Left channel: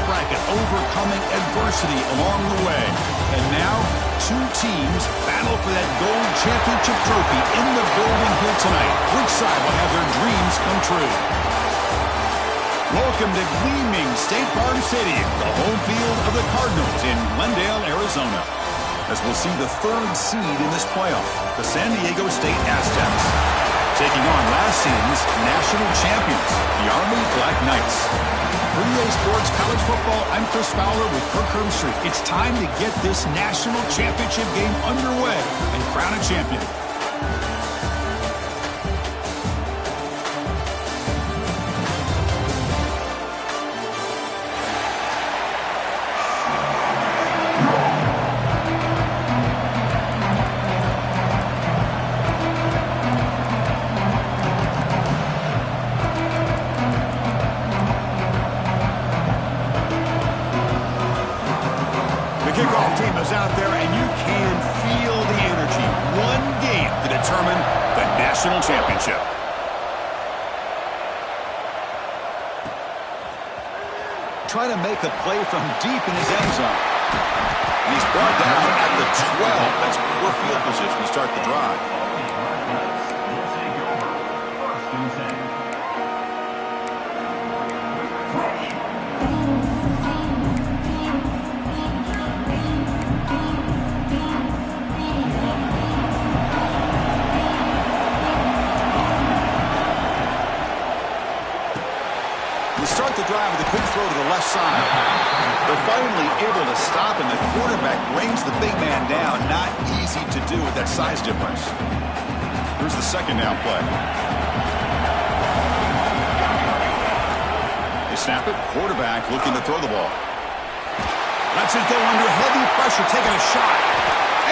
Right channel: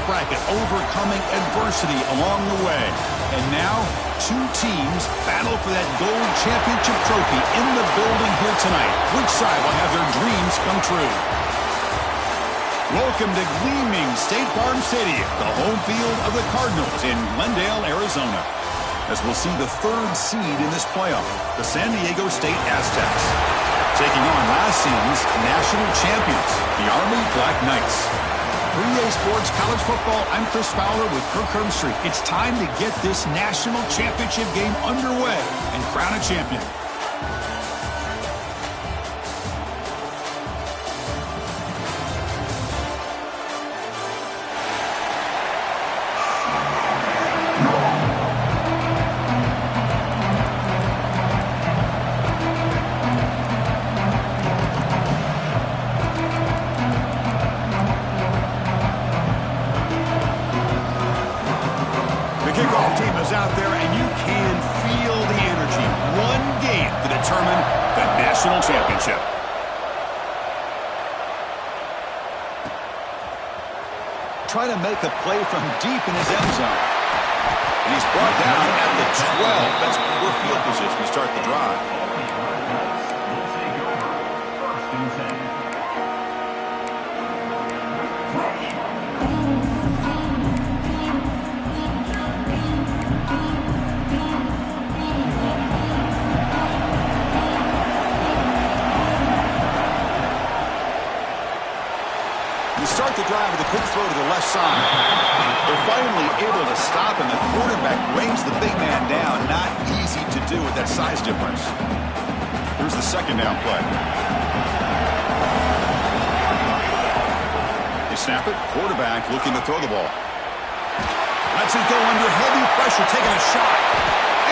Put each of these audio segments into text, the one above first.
playoff bracket, overcoming adversity along the way. And now, two teams battle for that gold championship trophy in the building here tonight. Which side will have their dreams come true? Welcome to gleaming State Farm Stadium, the home field of the Cardinals in Glendale, Arizona, as we'll see the third seed in this playoff, the San Diego State Aztecs, taking on last season's national champions, the Army Black Knights. For EA Sports College Football, I'm Chris Fowler with Kirk Herbstreit. It's time to get this national championship game underway and crown a champion. Out there, and you can feel the energy. One game to determine the national championship. Trying to make a play from deep in his end zone. And he's brought down at the 12. That's poor field position to start the drive. Start the drive with a quick throw to the left side. They're finally able to stop, and the quarterback brings the big man down. Not easy to do with that size difference. Here's the second down play. They snap it. Quarterback looking to throw the ball. Lets it go under heavy pressure, taking a shot.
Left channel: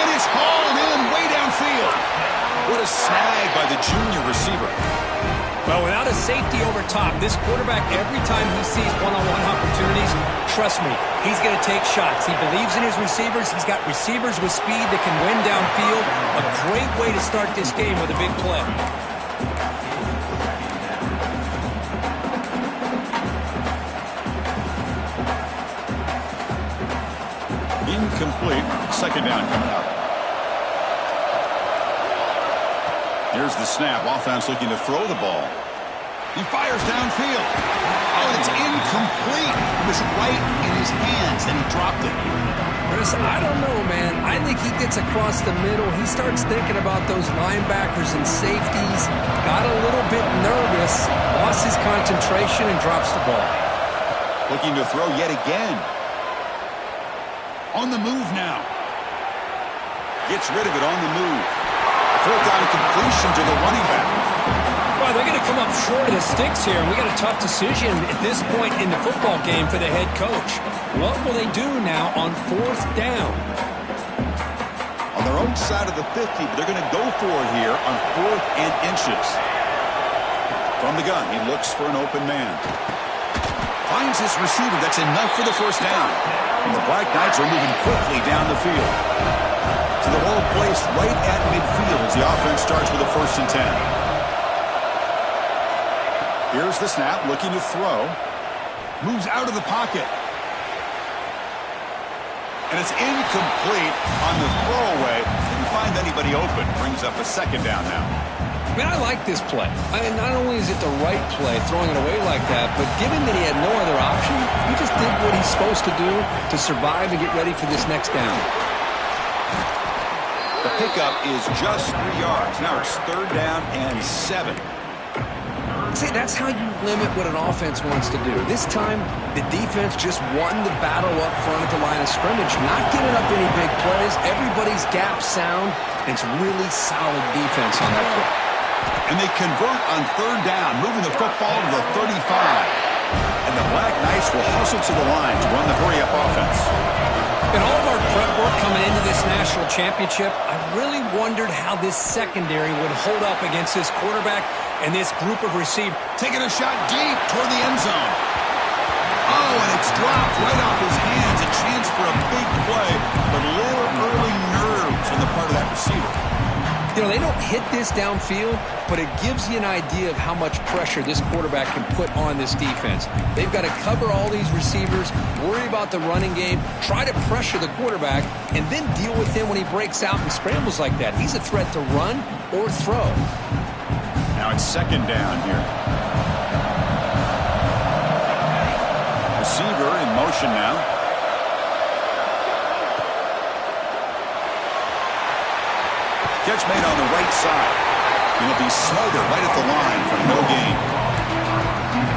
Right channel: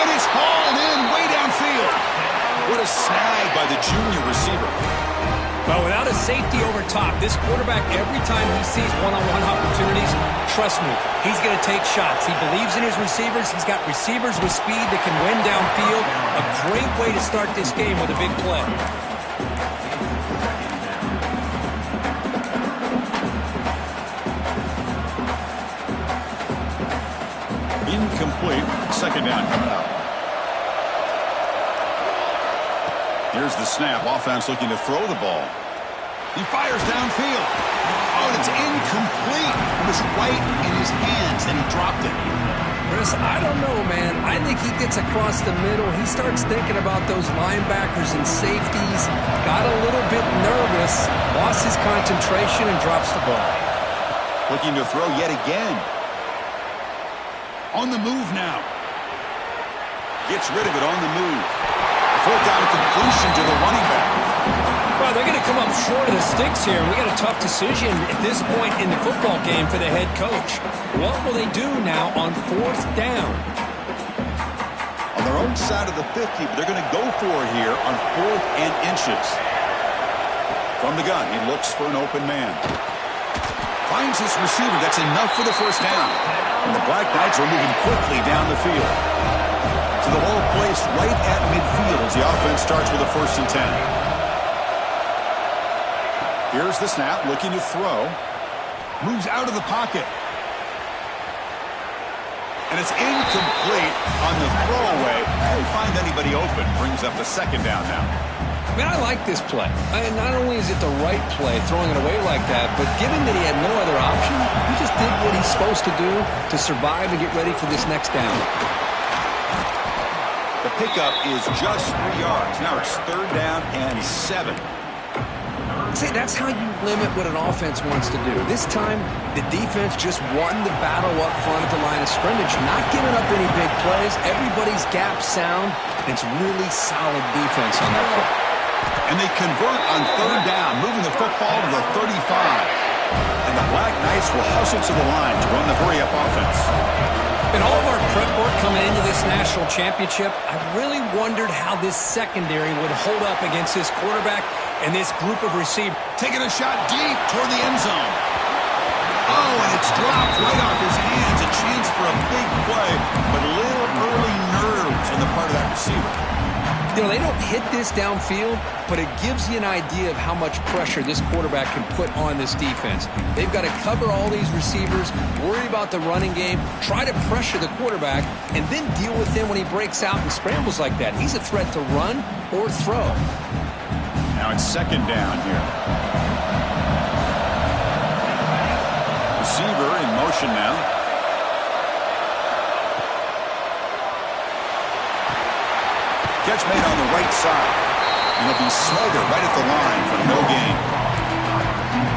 And it's hauled in way downfield. What a snag by the junior receiver. Well, without a safety over top, this quarterback, every time he sees one-on-one opportunities, trust me, he's going to take shots. He believes in his receivers. He's got receivers with speed that can win downfield. A great way to start this game with a big play. Incomplete. Second down coming up. Here's the snap. Offense looking to throw the ball. He fires downfield. Oh, it's incomplete. It was right in his hands, and he dropped it. Chris, I don't know, man. I think he gets across the middle. He starts thinking about those linebackers and safeties. Got a little bit nervous. Lost his concentration and drops the ball. Looking to throw yet again. On the move now. Gets rid of it on the move. Fourth down completion to the running back. Well, they're going to come up short of the sticks here, and we got a tough decision at this point in the football game for the head coach. What will they do now on fourth down? On their own side of the 50, but they're going to go for it here on 4th and inches. From the gun, he looks for an open man. Finds his receiver. That's enough for the first down. And the Black Knights are moving quickly down the field. So the ball placed right at midfield as the offense starts with a 1st and 10. Here's the snap, looking to throw. Moves out of the pocket. And it's incomplete on the throwaway. Didn't find anybody open. Brings up a second down now. I mean, I like this play. And not only is it the right play, throwing it away like that, but given that he had no other option, he just did what he's supposed to do to survive and get ready for this next down. The pickup is just 3 yards. Now it's 3rd down and 7. See, that's how you limit what an offense wants to do. This time, the defense just won the battle up front at the line of scrimmage, not giving up any big plays. Everybody's gap sound. It's really solid defense on that play. And they convert on 3rd down, moving the football to the 35. And the Black Knights will hustle to the line to run the hurry-up offense. In all of our prep work coming into this national championship, I really wondered how this secondary would hold up against this quarterback and this group of receivers. Taking a shot deep toward the end zone. Oh, and it's dropped right off his hands. A chance for a big play, but a little early nerves on the part of that receiver. You know, they don't hit this downfield, but it gives you an idea of how much pressure this quarterback can put on this defense. They've got to cover all these receivers, worry about the running game, try to pressure the quarterback, and then deal with him when he breaks out and scrambles like that. He's a threat to run or throw. Now it's second down here. Receiver in motion now. Catch made on the right side. He'll be smothered right at the line for no gain.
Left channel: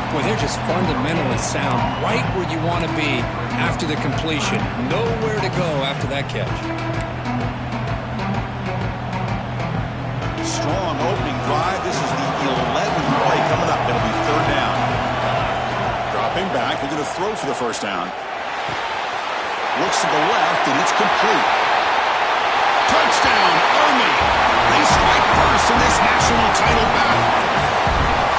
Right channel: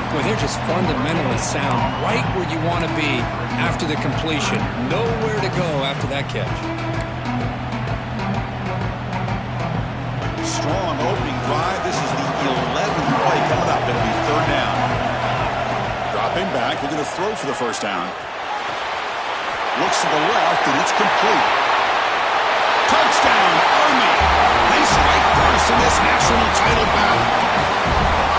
Boy, they're just fundamentally sound right where you want to be after the completion. Nowhere to go after that catch. Strong opening drive. This is the 11th play coming up. It'll be third down. Dropping back. We're going to throw for the first down. Looks to the left, and it's complete. Touchdown, Army. They strike first in this national title battle.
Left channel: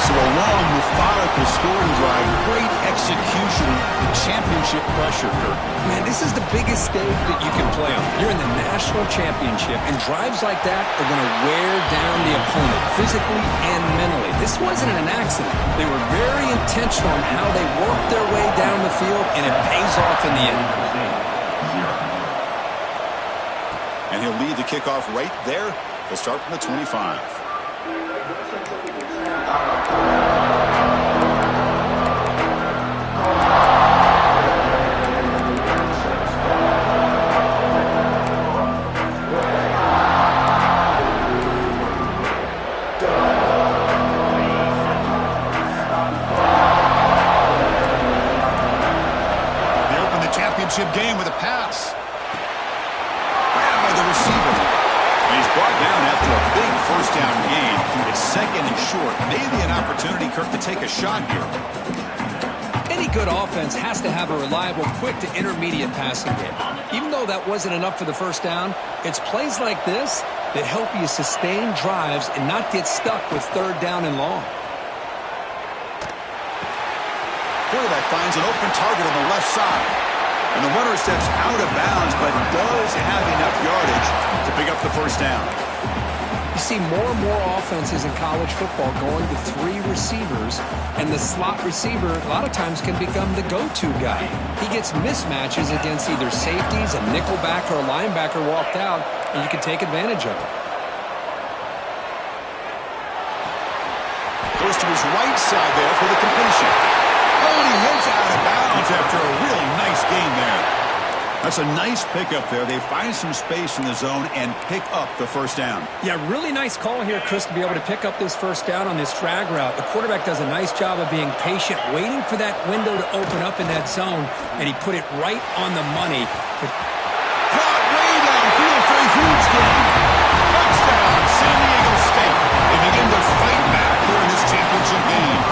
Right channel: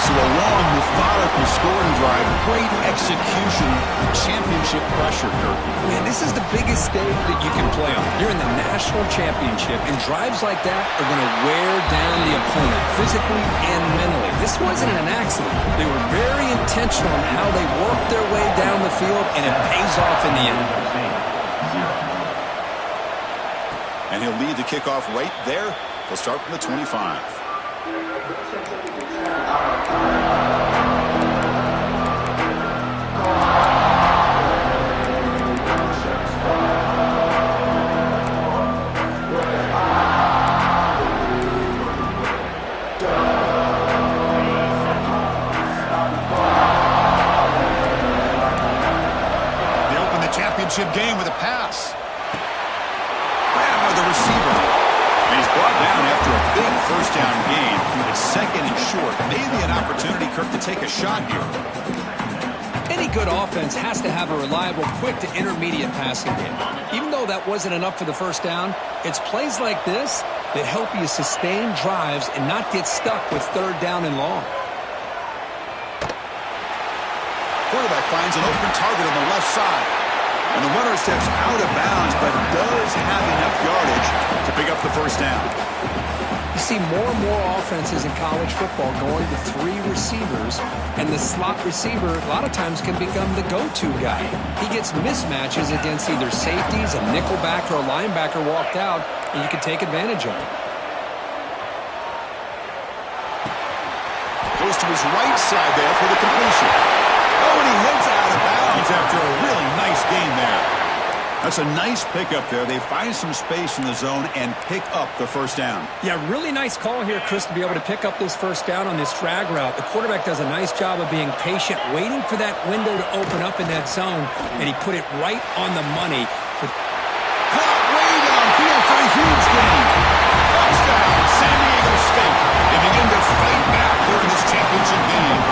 So a long, methodical scoring drive. Great execution. The championship pressure, Kirk. Man, this is the biggest stage that you can play on. You're in the national championship, and drives like that are going to wear down the opponent physically and mentally. This wasn't an accident. They were very intentional in how they worked their way down the field, and it pays off in the end. And he'll lead the kickoff right there. He'll start from the 25. They open the championship game with a pass. Grabbed by the receiver. And he's brought down after a big first down gain. It's second and short. Maybe an opportunity, Kirk, to take a shot here. Any good offense has to have a reliable, quick to intermediate passing game. Even though that wasn't enough for the first down, it's plays like this that help you sustain drives and not get stuck with third down and long. Quarterback finds an open target on the left side. And the runner steps out of bounds, but does have enough yardage to pick up the first down. You see more and more offenses in college football going to three receivers, and the slot receiver a lot of times can become the go-to guy. He gets mismatches against either safeties, a nickelback, or a linebacker walked out, and you can take advantage of it. Goes to his right side there for the completion. Oh, and he heads out of bounds after a really nice gain there. That's a nice pickup there. They find some space in the zone and pick up the first down. Yeah, really nice call here, Chris, to be able to pick up this first down on this drag route. The quarterback does a nice job of being patient, waiting for that window to open up in that zone, and he put it right on the money. Caught way downfield for a huge gain. Touchdown, San Diego State. They begin to fight back here in this championship game.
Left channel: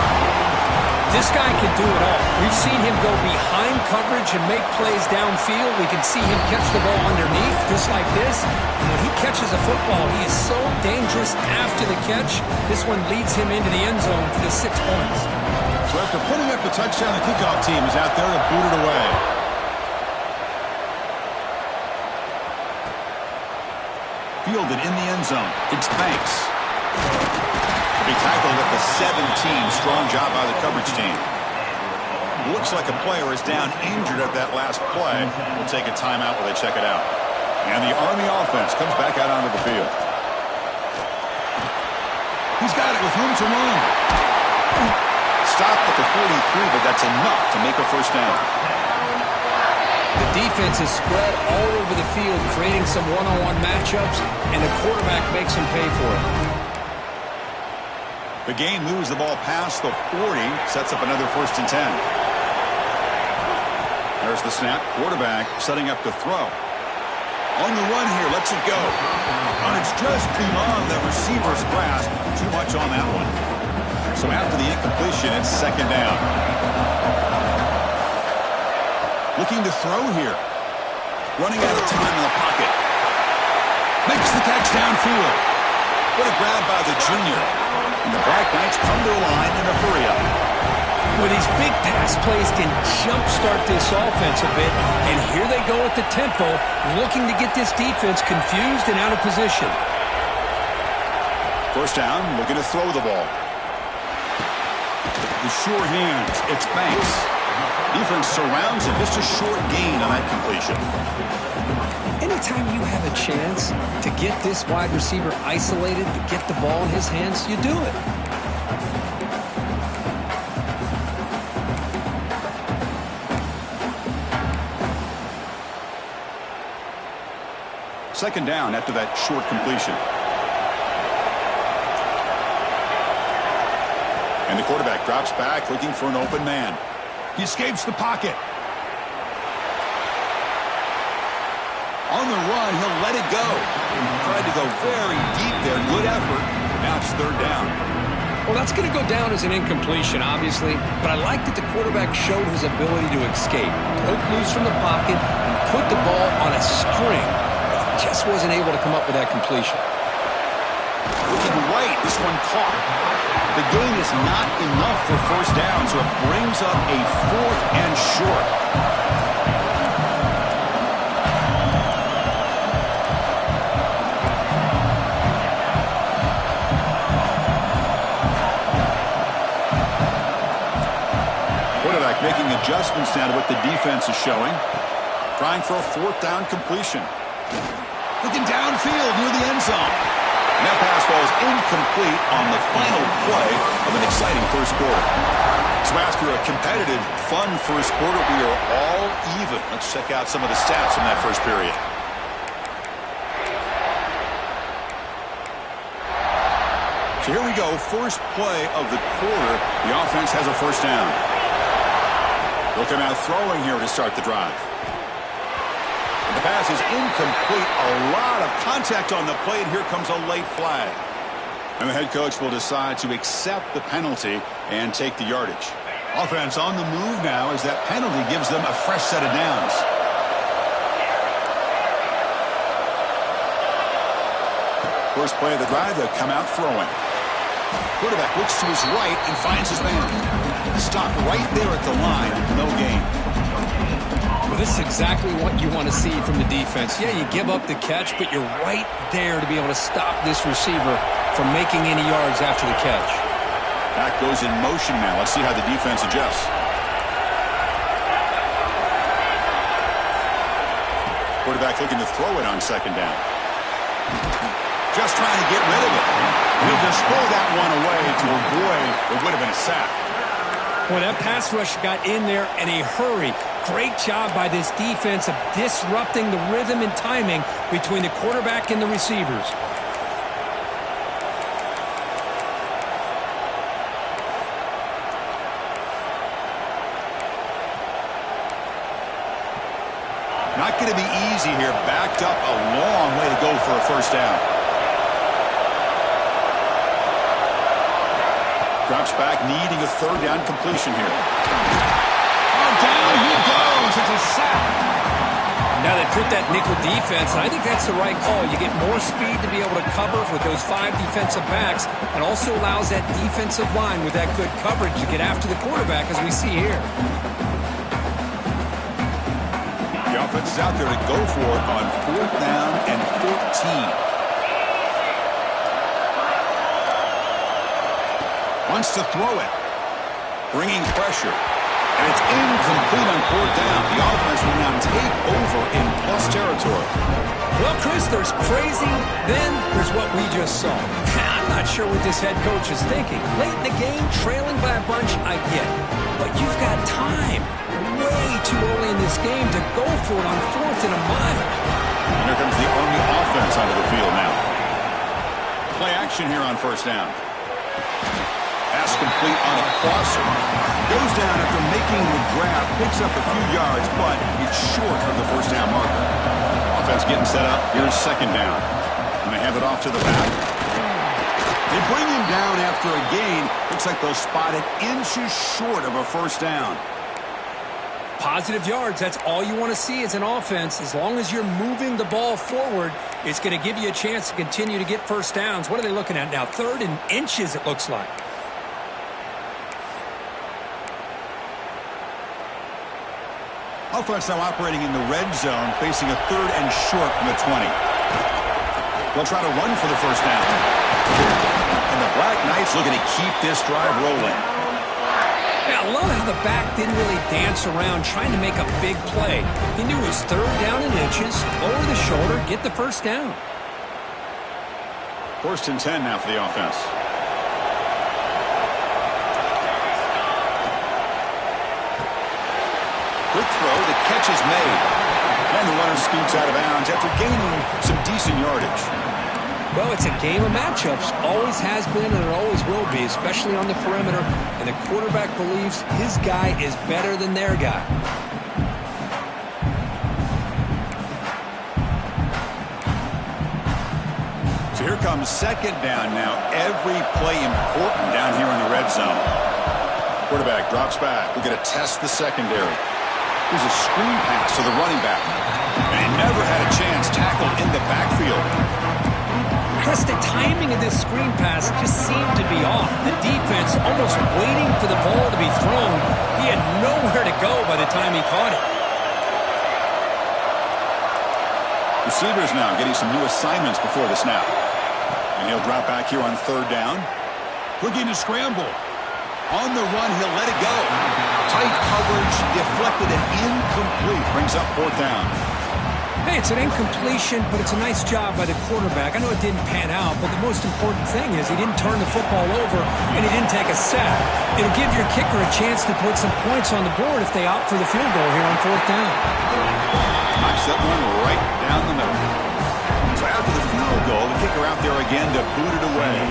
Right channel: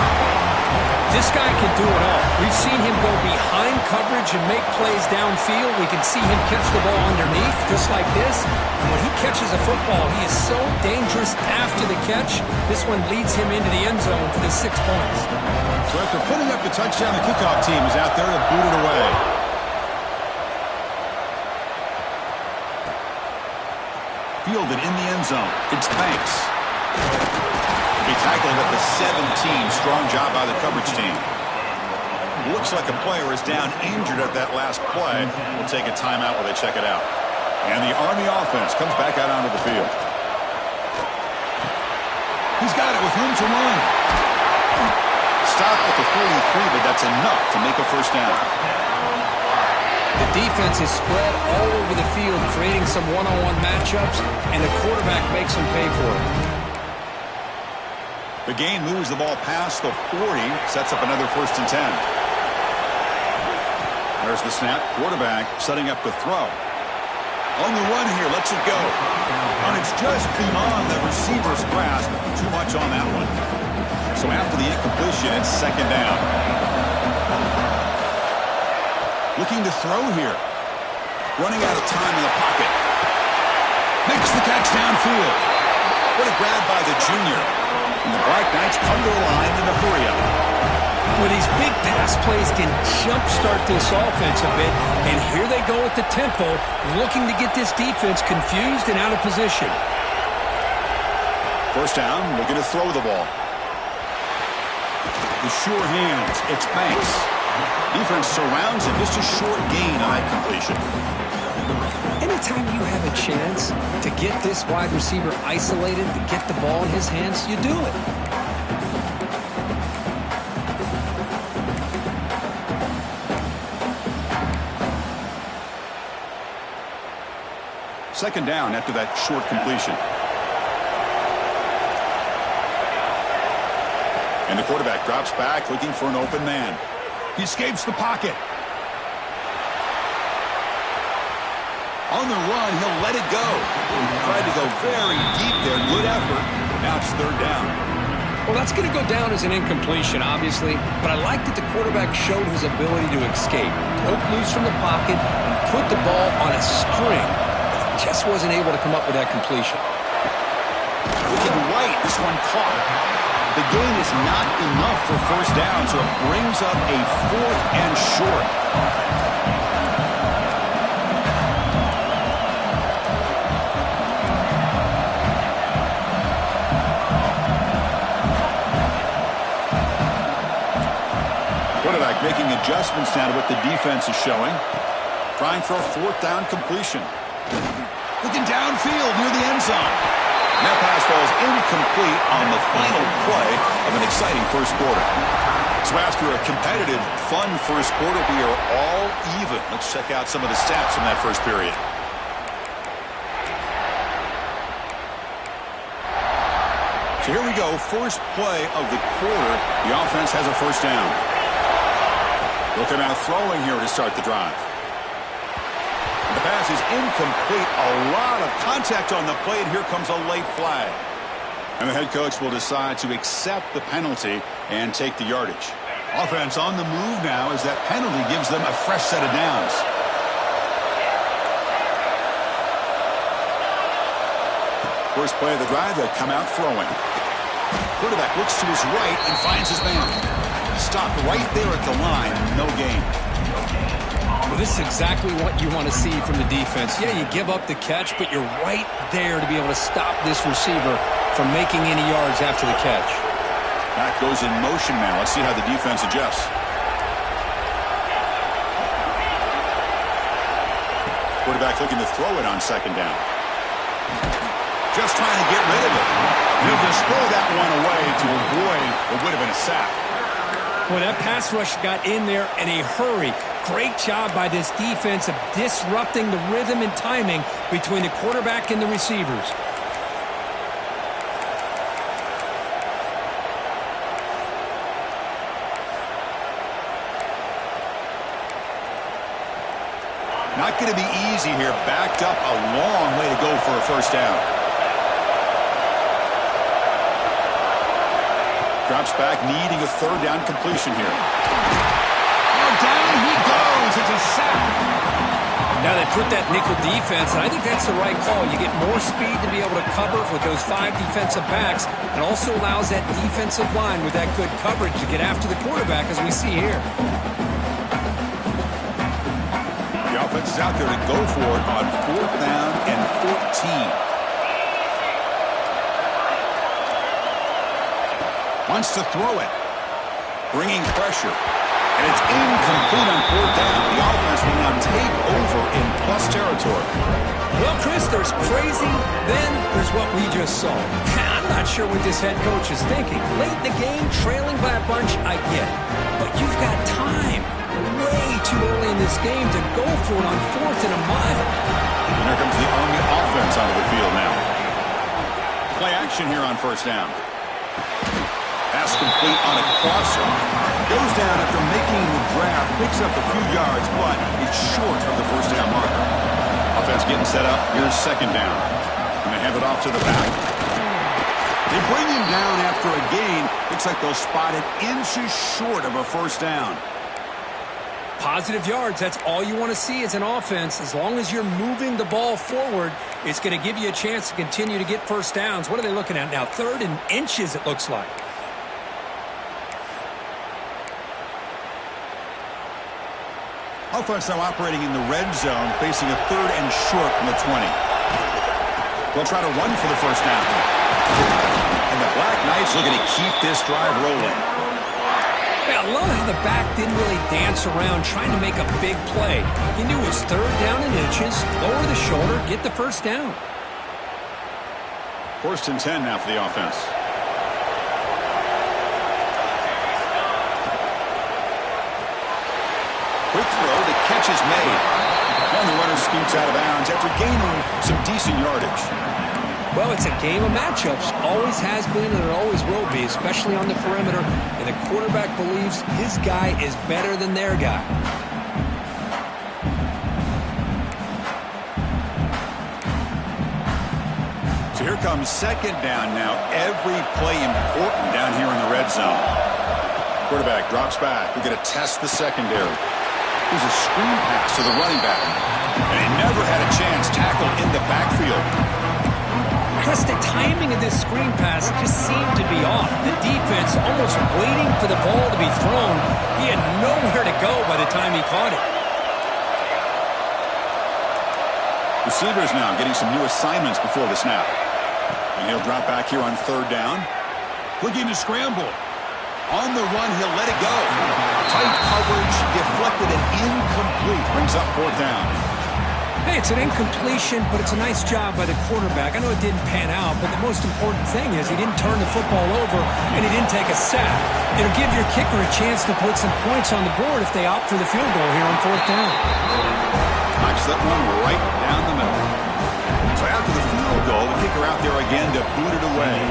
This guy can do it all. We've seen him go behind coverage and make plays downfield. We can see him catch the ball underneath, just like this. And when he catches a football, he is so dangerous after the catch. This one leads him into the end zone for the 6 points. So after putting up the touchdown, the kickoff team is out there to boot it away. Fielded in the end zone. It's Banks. He tackled at the 17. Strong job by the coverage team. Looks like a player is down injured at that last play. We'll take a timeout while they check it out. And the Army offense comes back out onto the field. He's got it with room to run. Stopped at the 43, but that's enough to make a first down. The defense is spread all over the field, creating some one-on-one matchups, and the quarterback makes them pay for it. The gain moves the ball past the 40, sets up another 1st and 10. There's the snap. Quarterback setting up the throw. On the run here, lets it go. And it's just beyond the receiver's grasp. Too much on that one. So after the incompletion, it's second down. Looking to throw here. Running out of time in the pocket. Makes the catch downfield. What a grab by the junior. And the Black Knights come to the line in a hurry-up. Well, these big pass plays can jumpstart this offense a bit, and here they go at the tempo, looking to get this defense confused and out of position. First down, looking to throw the ball. The sure hands, it's Banks. Defense surrounds him, just a short gain on that completion. Anytime you have a chance to get this wide receiver isolated, to get the ball in his hands, you do it. Second down after that short completion. And the quarterback drops back looking for an open man. He escapes the pocket. On the run, he'll let it go. Tried to go very deep there. Good effort. Now it's third down. Well, that's going to go down as an incompletion, obviously. But I like that the quarterback showed his ability to escape. Broke loose from the pocket and put the ball on a string. But he just wasn't able to come up with that completion. Looking right, this one caught. The gain is not enough for first down, so it brings up a fourth and short. Quarterback making adjustments now to what the defense is showing. Trying for a fourth down completion. Looking downfield near the end zone. And that pass falls incomplete on the final play of an exciting first quarter. So after a competitive, fun first quarter, we are all even. Let's check out some of the stats from that first period. So here we go, first play of the quarter. The offense has a first down. They'll come out throwing here to start the drive. The pass is incomplete. A lot of contact on the play, and here comes a late flag. And the head coach will decide to accept the penalty and take the yardage. Offense on the move now as that penalty gives them a fresh set of downs. First play of the drive, they'll come out throwing. Quarterback looks to his right and finds his man. Stopped right there at the line, no gain. Well, this is exactly what you want to see from the defense. Yeah, you give up the catch, but you're right there to be able to stop this receiver from making any yards after the catch. Back goes in motion now. Let's see how the defense adjusts. Quarterback looking to throw it on second down. Just trying to get rid of it. And he'll just throw that one away to avoid what would have been a sack. Well, that pass rush got in there in a hurry. Great job by this defense of disrupting the rhythm and timing between the quarterback and the receivers. Not going to be easy here. Backed up a long way to go for a first down. Drops back, needing a third down completion here. Oh, down he goes. It's a sack. Now they put that nickel defense, and I think that's the right call. You get more speed to be able to cover with those 5 defensive backs, and also allows that defensive line with that good coverage to get after the quarterback, as we see here. The offense is out there to go for it on fourth down and 14. Wants to throw it. Bringing pressure. And it's incomplete on fourth down. The offense will now take over in plus territory. Well, Chris, there's crazy, then there's what we just saw. I'm not sure what this head coach is thinking. Late in the game, trailing by a bunch, I get it. But you've got time. Way too early in this game to go for it on fourth and a mile. And here comes the Army offense onto the field now. Play action here on first down. Pass complete on a crosser. Goes down after making the grab. Picks up a few yards, but it's short of the first down marker. Offense getting set up. Here's second down. And they have it off to the back. They bring him down after a gain. Looks like they'll spot it inches short of a first down. Positive yards, that's all you want to see as an offense. As long as you're moving the ball forward, it's going to give you a chance to continue to get first downs. What are they looking at now? 3rd and inches, it looks like. Offense now operating in the red zone, facing a 3rd and short from the 20. They'll try to run for the first down. Black Knights looking to keep this drive rolling. Yeah, I love how the back didn't really dance around trying to make a big play. He knew it was 3rd down and inches, lower the shoulder, get the first down. 1st and 10 now for the offense. Quick throw, the catch is made. And the runner scoots out of bounds after gaining some decent yardage. Well, it's a game of matchups. Always has been and it always will be, especially on the perimeter. And the quarterback believes his guy is better than their guy. So here comes 2nd down now. Every play important down here in the red zone. Quarterback drops back. We're going to test the secondary. Here's a screen pass to the running back. And he never had a chance tackled in the backfield. Chris, the timing of this screen pass just seemed to be off. The defense almost waiting for the ball to be thrown. He had nowhere to go by the time he caught it. Receivers now getting some new assignments before the snap. And he'll drop back here on 3rd down. Looking to scramble. On the run, he'll let it go. Tight coverage, deflected and incomplete. Brings up 4th down. Hey, it's an incompletion, but it's a nice job by the quarterback. I know it didn't pan out, but the most important thing is he didn't turn the football over and he didn't take a sack. It'll give your kicker a chance to put some points on the board if they opt for the field goal here on 4th down. Knocks that one right down the middle. So after the field goal, the kicker out there again to boot it away.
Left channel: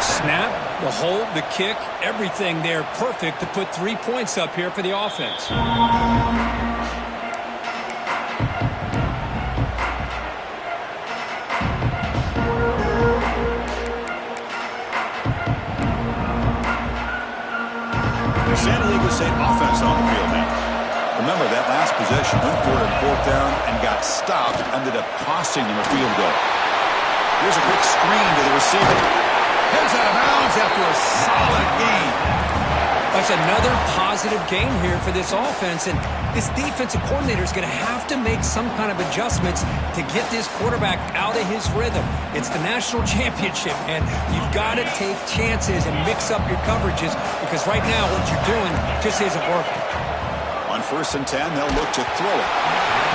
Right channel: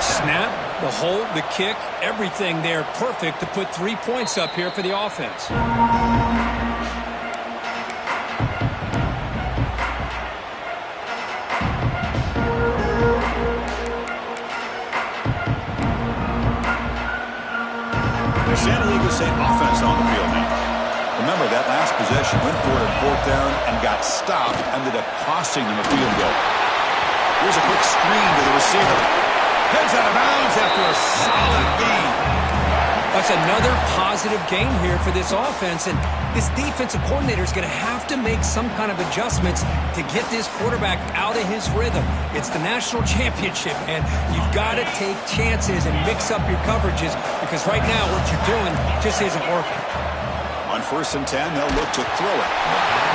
Snap, the hold, the kick, everything there perfect to put 3 points up here for the offense. San Diego State offense on the field now. Remember, that last possession went for it on 4th down and got stopped, ended up costing them a field goal. Here's a quick screen to the receiver. Heads out of bounds after a solid gain. That's another positive gain here for this offense, and this defensive coordinator is going to have to make some kind of adjustments to get this quarterback out of his rhythm. It's the national championship, and you've got to take chances and mix up your coverages because right now what you're doing just isn't working. On 1st and 10, they'll look to throw it.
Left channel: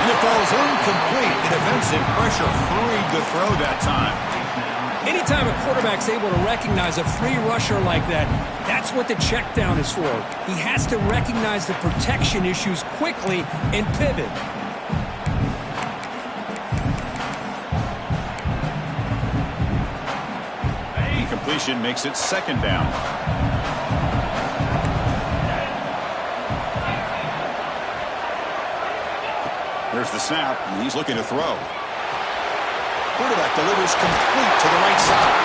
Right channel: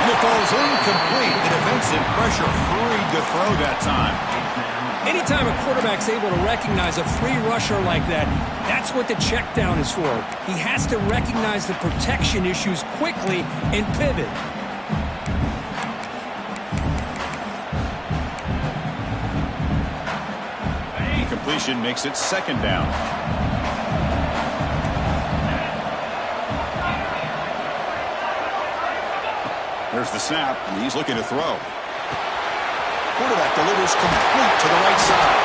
And it falls incomplete. The defensive pressure hurried the throw that time. Anytime a quarterback's able to recognize a free rusher like that, that's what the check down is for. He has to recognize the protection issues quickly and pivot. Incompletion makes it 2nd down. There's the snap, and he's looking to throw. Quarterback delivers complete to the right side.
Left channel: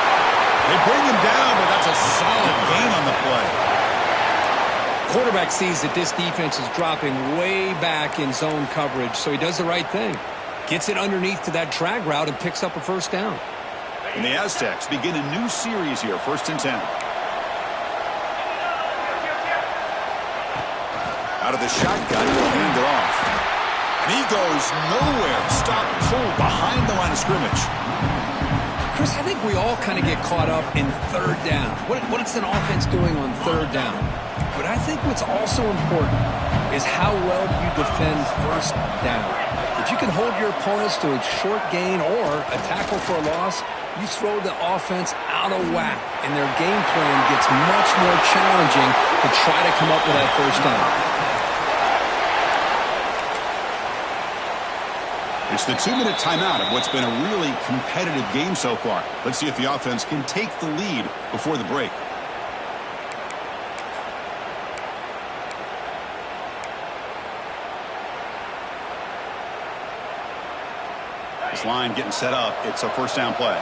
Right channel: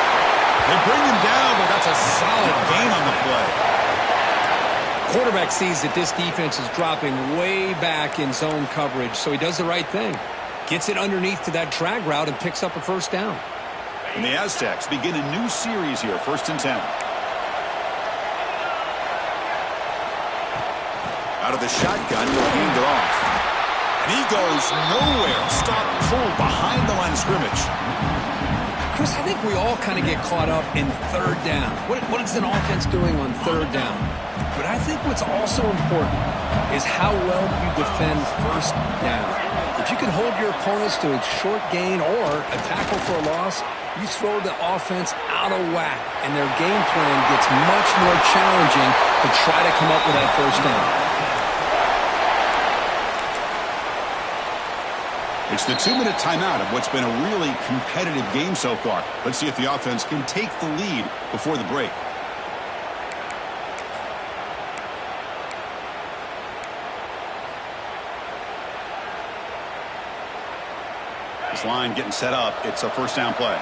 They bring him down, but that's a solid gain on the play. Quarterback sees that this defense is dropping way back in zone coverage, so he does the right thing. Gets it underneath to that drag route and picks up a 1st down. And the Aztecs begin a new series here, 1st and 10. Out of the shotgun, he'll hand it off. And he goes nowhere. Stop, pull behind the line of scrimmage. Chris, I think we all kind of get caught up in 3rd down. What is an offense doing on 3rd down? But I think what's also important is how well you defend 1st down. If you can hold your opponents to a short gain or a tackle for a loss, you throw the offense out of whack, and their game plan gets much more challenging to try to come up with that 1st down. It's the 2-minute timeout of what's been a really competitive game so far. Let's see if the offense can take the lead before the break. This line getting set up. It's a 1st down play.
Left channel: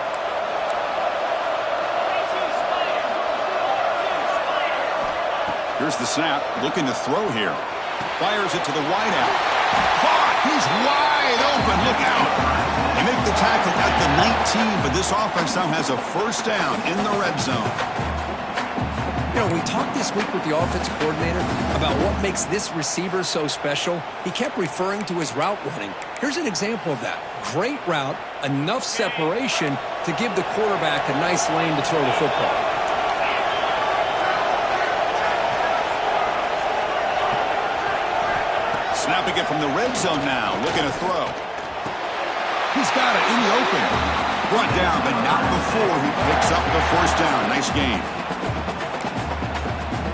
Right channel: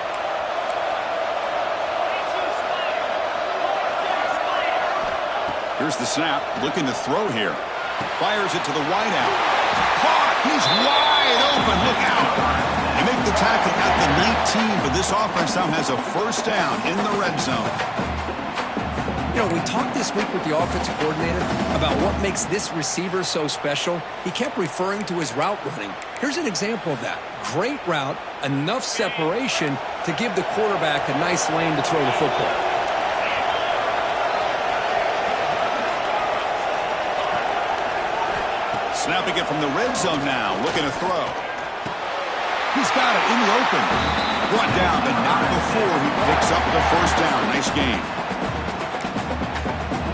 Here's the snap. Looking to throw here. Fires it to the wideout. Caught! He's wide open. Look out. They make the tackle at the 19, but this offense now has a 1st down in the red zone. You know, we talked this week with the offensive coordinator about what makes this receiver so special. He kept referring to his route running. Here's an example of that. Great route, enough separation to give the quarterback a nice lane to throw the football. Snapping it from the red zone now, looking to throw. He's got it in the open. Brought down, but not before he picks up the first down. Nice game.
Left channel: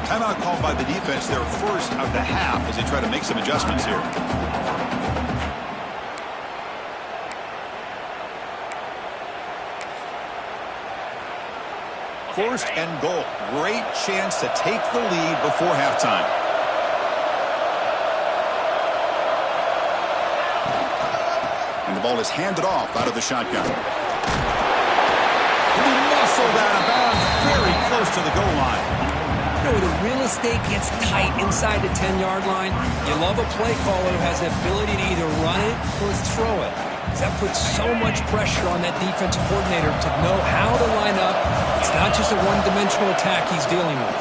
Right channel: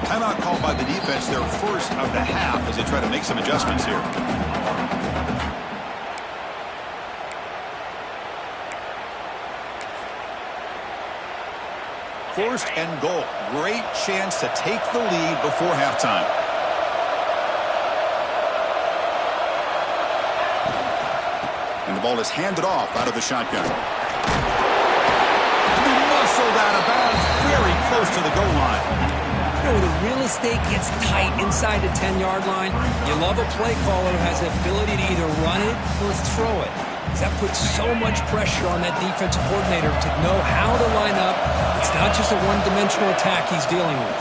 Timeout called by the defense, their first of the half, as they try to make some adjustments here. First and goal. Great chance to take the lead before halftime. And the ball is handed off out of the shotgun. He muscled out of bounds very close to the goal line. You know, the real estate gets tight inside the 10-yard line. You love a play caller who has the ability to either run it or throw it. That puts so much pressure on that defensive coordinator to know how to line up. It's not just a one-dimensional attack he's dealing with.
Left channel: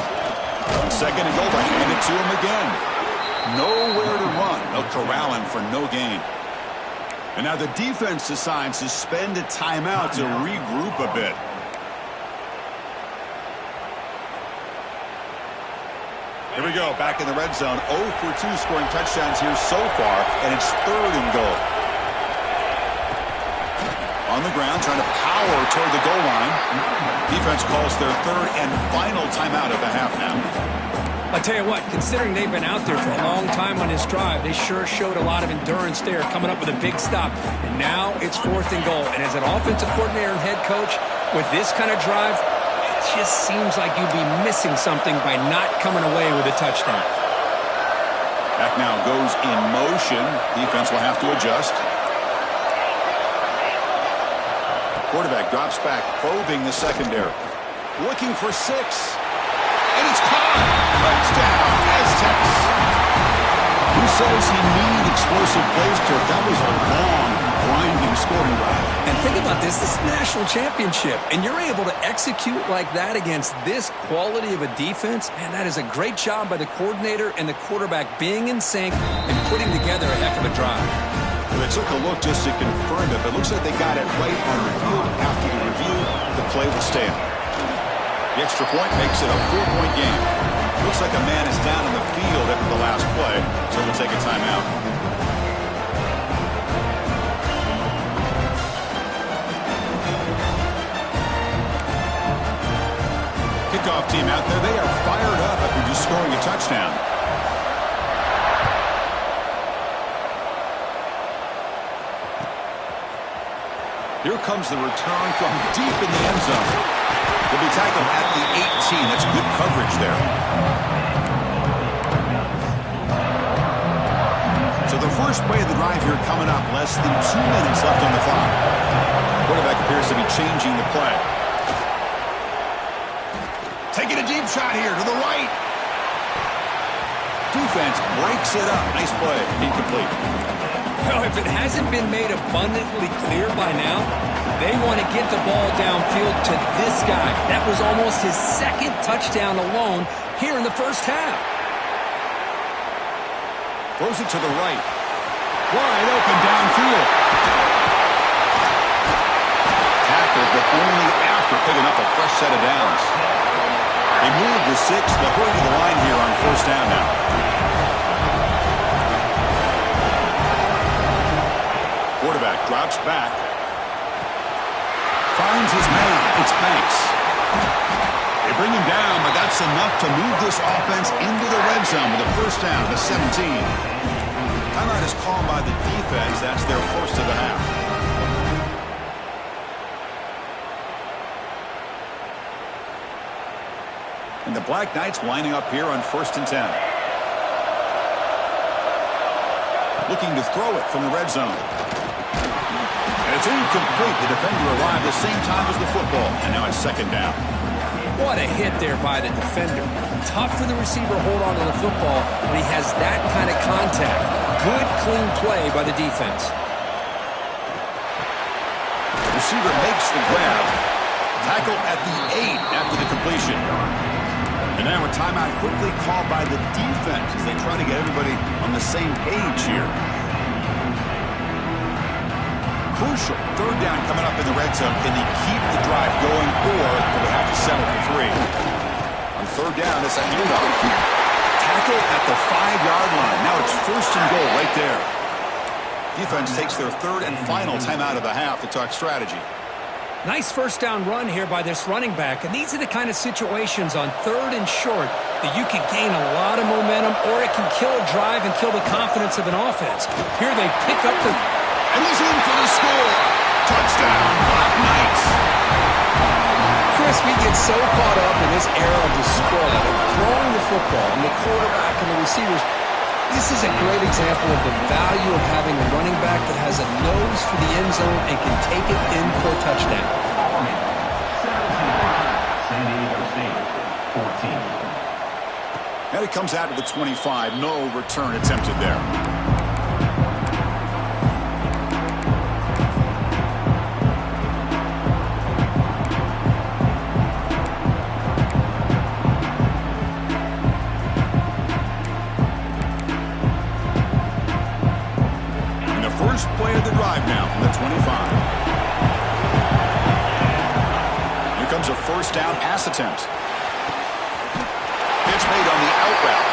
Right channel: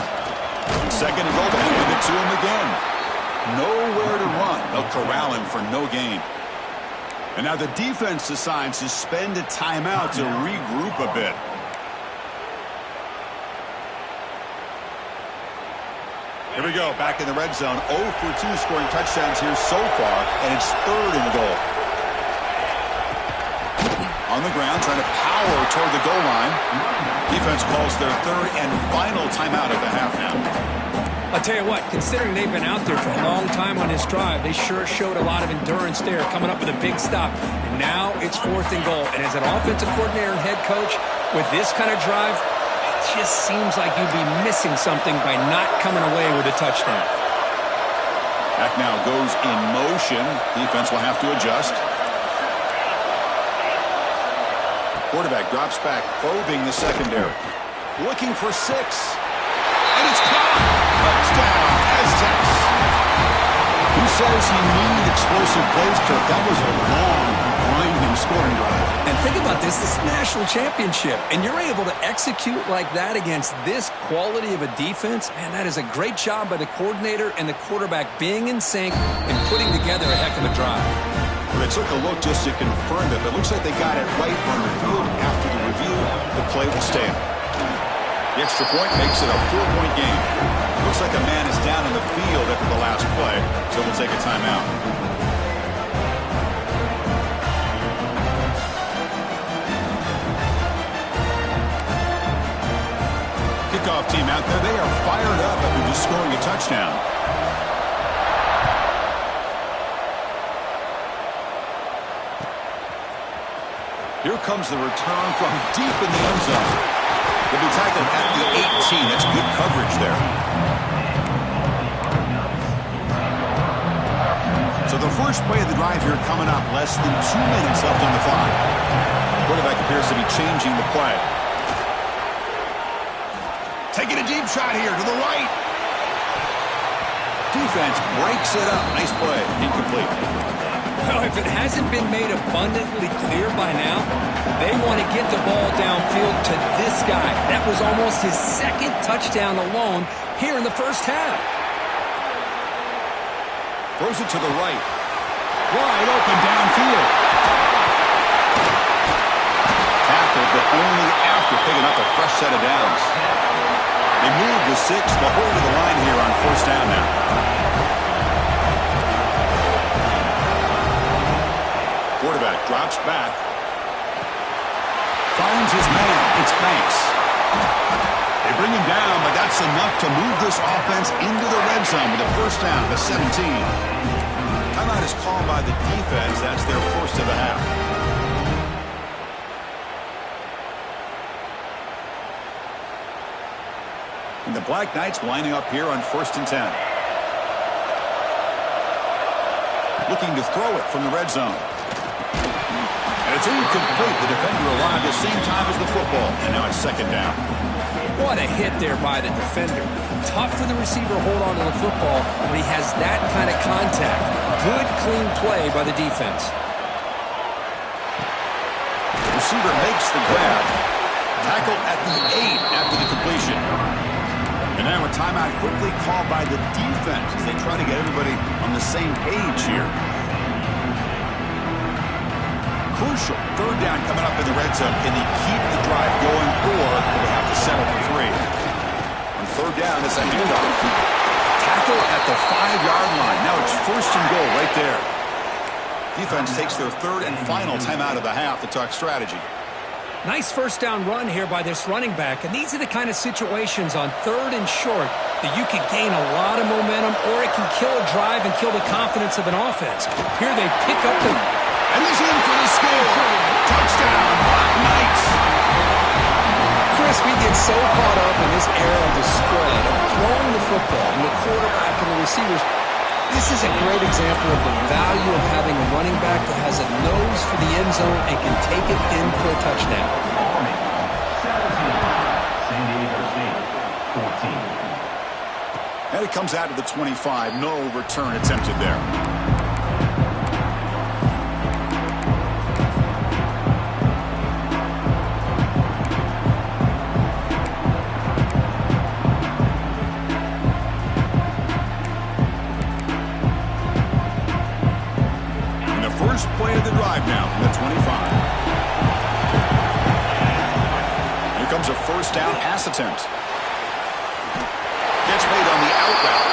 On second and goal, they hand it to him again. Nowhere to run. They'll corral him for no gain. And now the defense decides to spend a timeout to regroup a bit. Here we go, back in the red zone. 0 for 2 scoring touchdowns here so far, and it's third and goal. On the ground, trying to power toward the goal line. Defense calls their third and final timeout of the half now. I'll tell you what, considering they've been out there for a long time on this drive, they sure showed a lot of endurance there, coming up with a big stop. And now it's fourth and goal. And as an offensive coordinator and head coach, with this kind of drive, it just seems like you'd be missing something by not coming away with a touchdown. Back now goes in motion. Defense will have to adjust. Quarterback drops back, probing the secondary. Looking for 6. And it's caught. Touchdown, Aztecs. Who says you need explosive plays, Kirk? That was a long, grinding scoring drive. And think about this is national championship, and you're able to execute like that against this quality of a defense. Man, that is a great job by the coordinator and the quarterback being in sync and putting together a heck of a drive. Well, they took a look just to confirm it, but it looks like they got it right on the field. After the review, the play will stand. The extra point makes it a 4-point game. Looks like a man is down in the field after the last play, so we'll take a timeout. Kickoff team out there. They are fired up after just scoring a touchdown. Here comes the return from deep in the end zone. They'll be tackled at the 18. That's good coverage there. So the first play of the drive here coming up. Less than 2 minutes left on the clock. Quarterback appears to be changing the play. Taking a deep shot here to the right. Defense breaks it up. Nice play. Incomplete. Well, if it hasn't been made abundantly clear by now, they want to get the ball downfield to this guy. That was almost his second touchdown alone here in the first half. Throws it to the right. Wide open downfield. Tackled, but only after picking up a fresh set of downs. They move the 6. They'll hurry to the line here on first down now. Quarterback drops back. Finds his man. It's Banks. They bring him down, but that's enough to move this offense into the red zone with a first down to 17. Timeout is called by the defense. That's their first of the half. And the Black Knights lining up here on 1st and 10. Looking to throw it from the red zone. And it's incomplete. The defender arrived at the same time as the football. And now it's second down. What a hit there by the defender. Tough for the receiver to hold on to the football when he has that kind of contact. Good, clean play by the defense. The receiver makes the grab. Tackle at the 8 after the completion. And now a timeout quickly called by the defense as they try to get everybody on the same page here. Crucial. Third down coming up in the red zone. Can they keep the drive going, or will they have to settle for 3? On third down, it's a handoff. Tackle at the 5-yard line. Now it's 1st and goal right there. Defense takes their 3rd and final timeout of the half to talk strategy. Nice first down run here by this running back. And these are the kind of situations on 3rd and short that you can gain a lot of momentum, or it can kill a drive and kill the confidence of an offense. Here they pick up the... And he's in for the score. Touchdown, Black Knights. Chris, we get so caught up in this era of the spread, of throwing the football, and the quarterback and the receivers. This is a great example of the value of having a running back that has a nose for the end zone and can take it in for a touchdown. 17, San Diego State, 14. And it comes out to the 25. No return attempted there. First play of the drive now from the 25. Here comes a first down pass attempt. Catch made on the out route.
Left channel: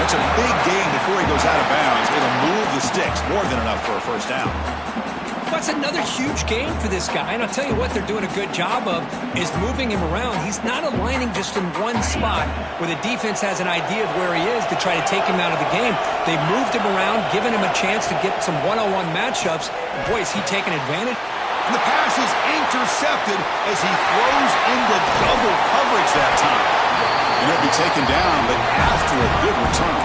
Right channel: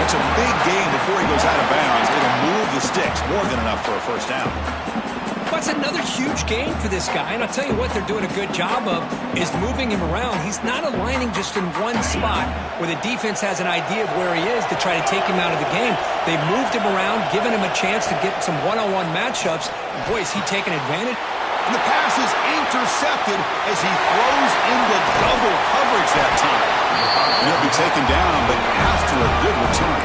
That's a big gain before he goes out of bounds. It'll move the sticks. More than enough for a first down. That's another huge gain for this guy. And I'll tell you what they're doing a good job of is moving him around. He's not aligning just in one spot where the defense has an idea of where he is to try to take him out of the game. They've moved him around, given him a chance to get some one-on-one matchups. And boy, is he taking advantage. And the pass is intercepted as he throws into double coverage that time. And he'll be taken down, but after a good return.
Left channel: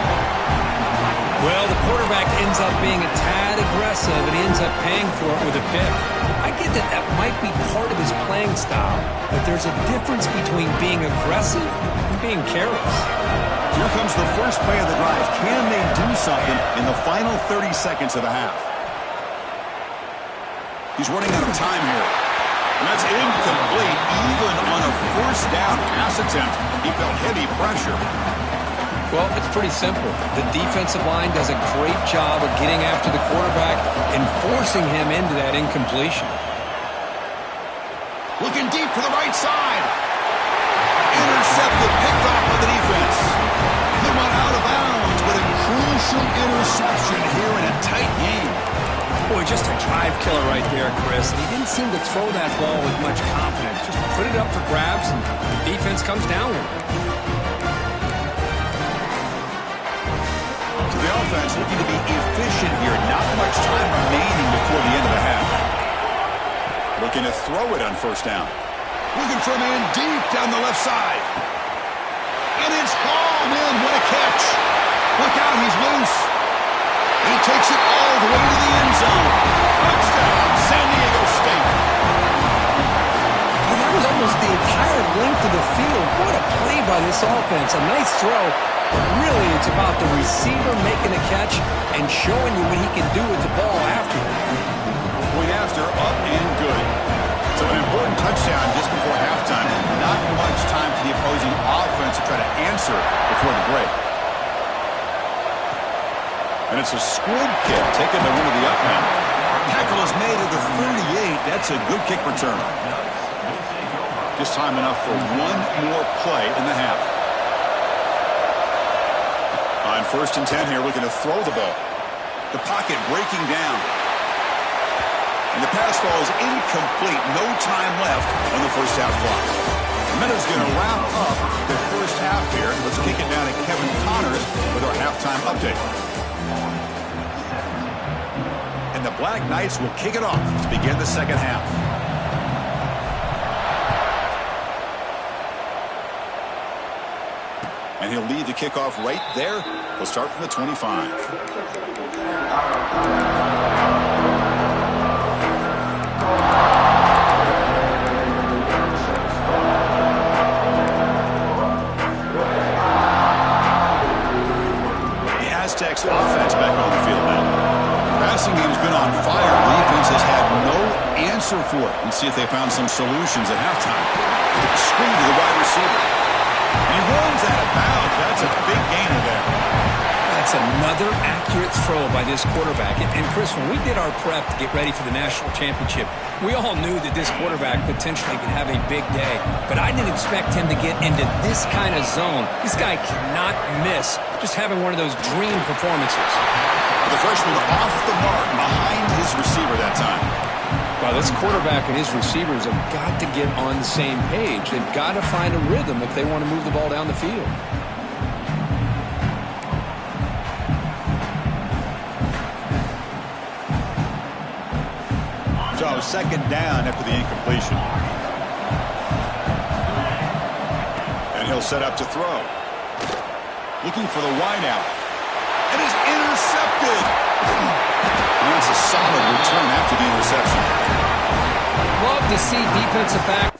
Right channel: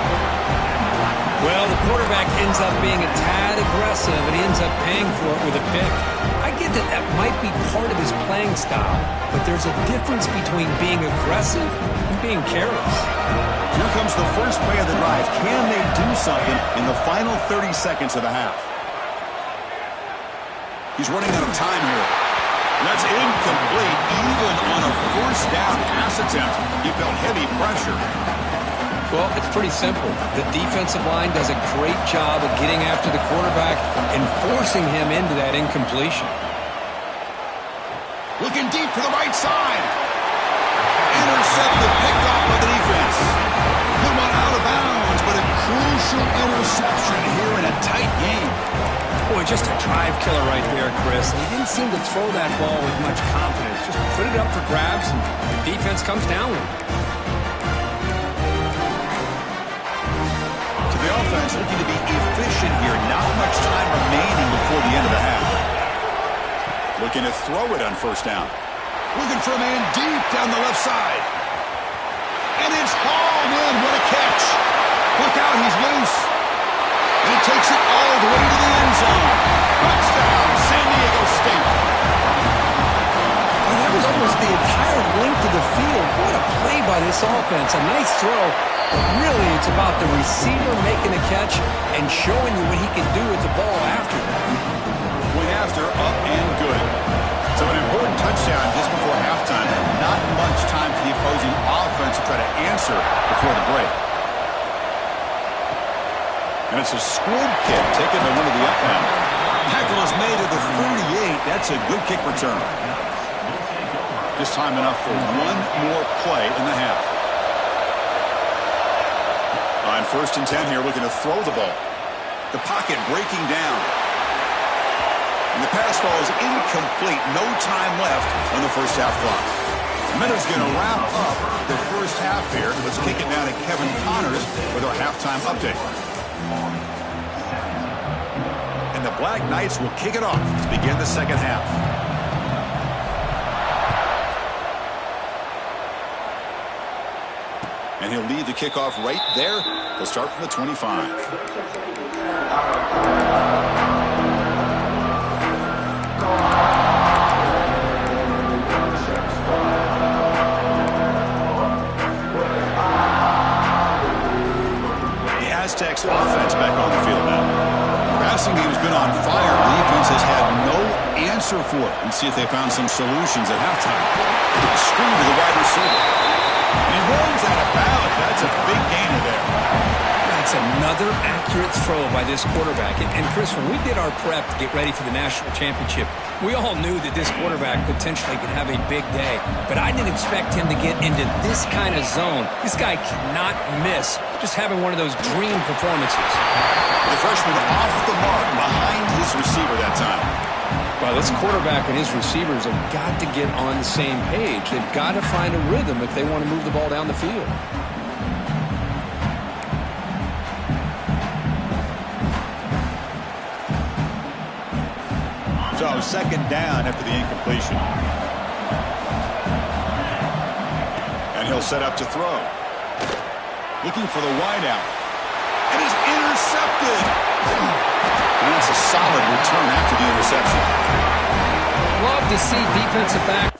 Well, the quarterback ends up being a tad aggressive, and he ends up paying for it with a pick. I get that that might be part of his playing style, but there's a difference between being aggressive and being careless. Here comes the first play of the drive. Can they do something in the final 30 seconds of the half? He's running out of time here. And that's incomplete. Even on a first down pass attempt, he felt heavy pressure. Well, it's pretty simple. The defensive line does a great job of getting after the quarterback and forcing him into that incompletion. Looking deep to the right side. Intercepted, picked off by the defense. Good one out of bounds, but a crucial interception here in a tight game. Boy, just a drive killer right there, Chris. He didn't seem to throw that ball with much confidence. Just put it up for grabs, and the defense comes down with it. The offense looking to be efficient here. Not much time remaining before the end of the half. Looking to throw it on first down. Looking for a man deep down the left side. And it's hauled in. What a catch. Look out, he's loose. And he takes it all the way to the end zone. Touchdown, San Diego State. Well, that was almost the entire length of the field. What a play by this offense. A nice throw. But really, it's about the receiver making a catch and showing you what he can do with the ball after it. Point after, up and good. So an important touchdown just before halftime. Not much time for the opposing offense to try to answer before the break. And it's a squib kick taken by one of the up men. Tackle is made at the 38. That's a good kick return. Just time enough for one more play in the half. On 1st and 10 here, looking to throw the ball. The pocket breaking down. And the pass falls incomplete. No time left on the first half clock. Meadows going to wrap up the first half here. Let's kick it down to Kevin Connors with our halftime update. And the Black Knights will kick it off to begin the second half. And he'll lead the kickoff right there. He'll start from the 25. The Aztecs offense back on the field now. The passing game's been on fire. The defense has had no answer for it. Let's see if they found some solutions at halftime. Screen to the wide receiver. And he rolls out of bounds. That's a big gainer there. That's That's another accurate throw by this quarterback. And Chris, when we did our prep to get ready for the national championship, we all knew that this quarterback potentially could have a big day. But I didn't expect him to get into this kind of zone. This guy cannot miss. Just having one of those dream performances. The freshman off the mark behind his receiver that time. Well, this quarterback and his receivers have got to get on the same page. They've got to find a rhythm if they want to move the ball down the field. So second down after the incompletion. And he'll set up to throw. Looking for the wideout. And is intercepted. And that's a solid return after the interception. Love to see defensive back.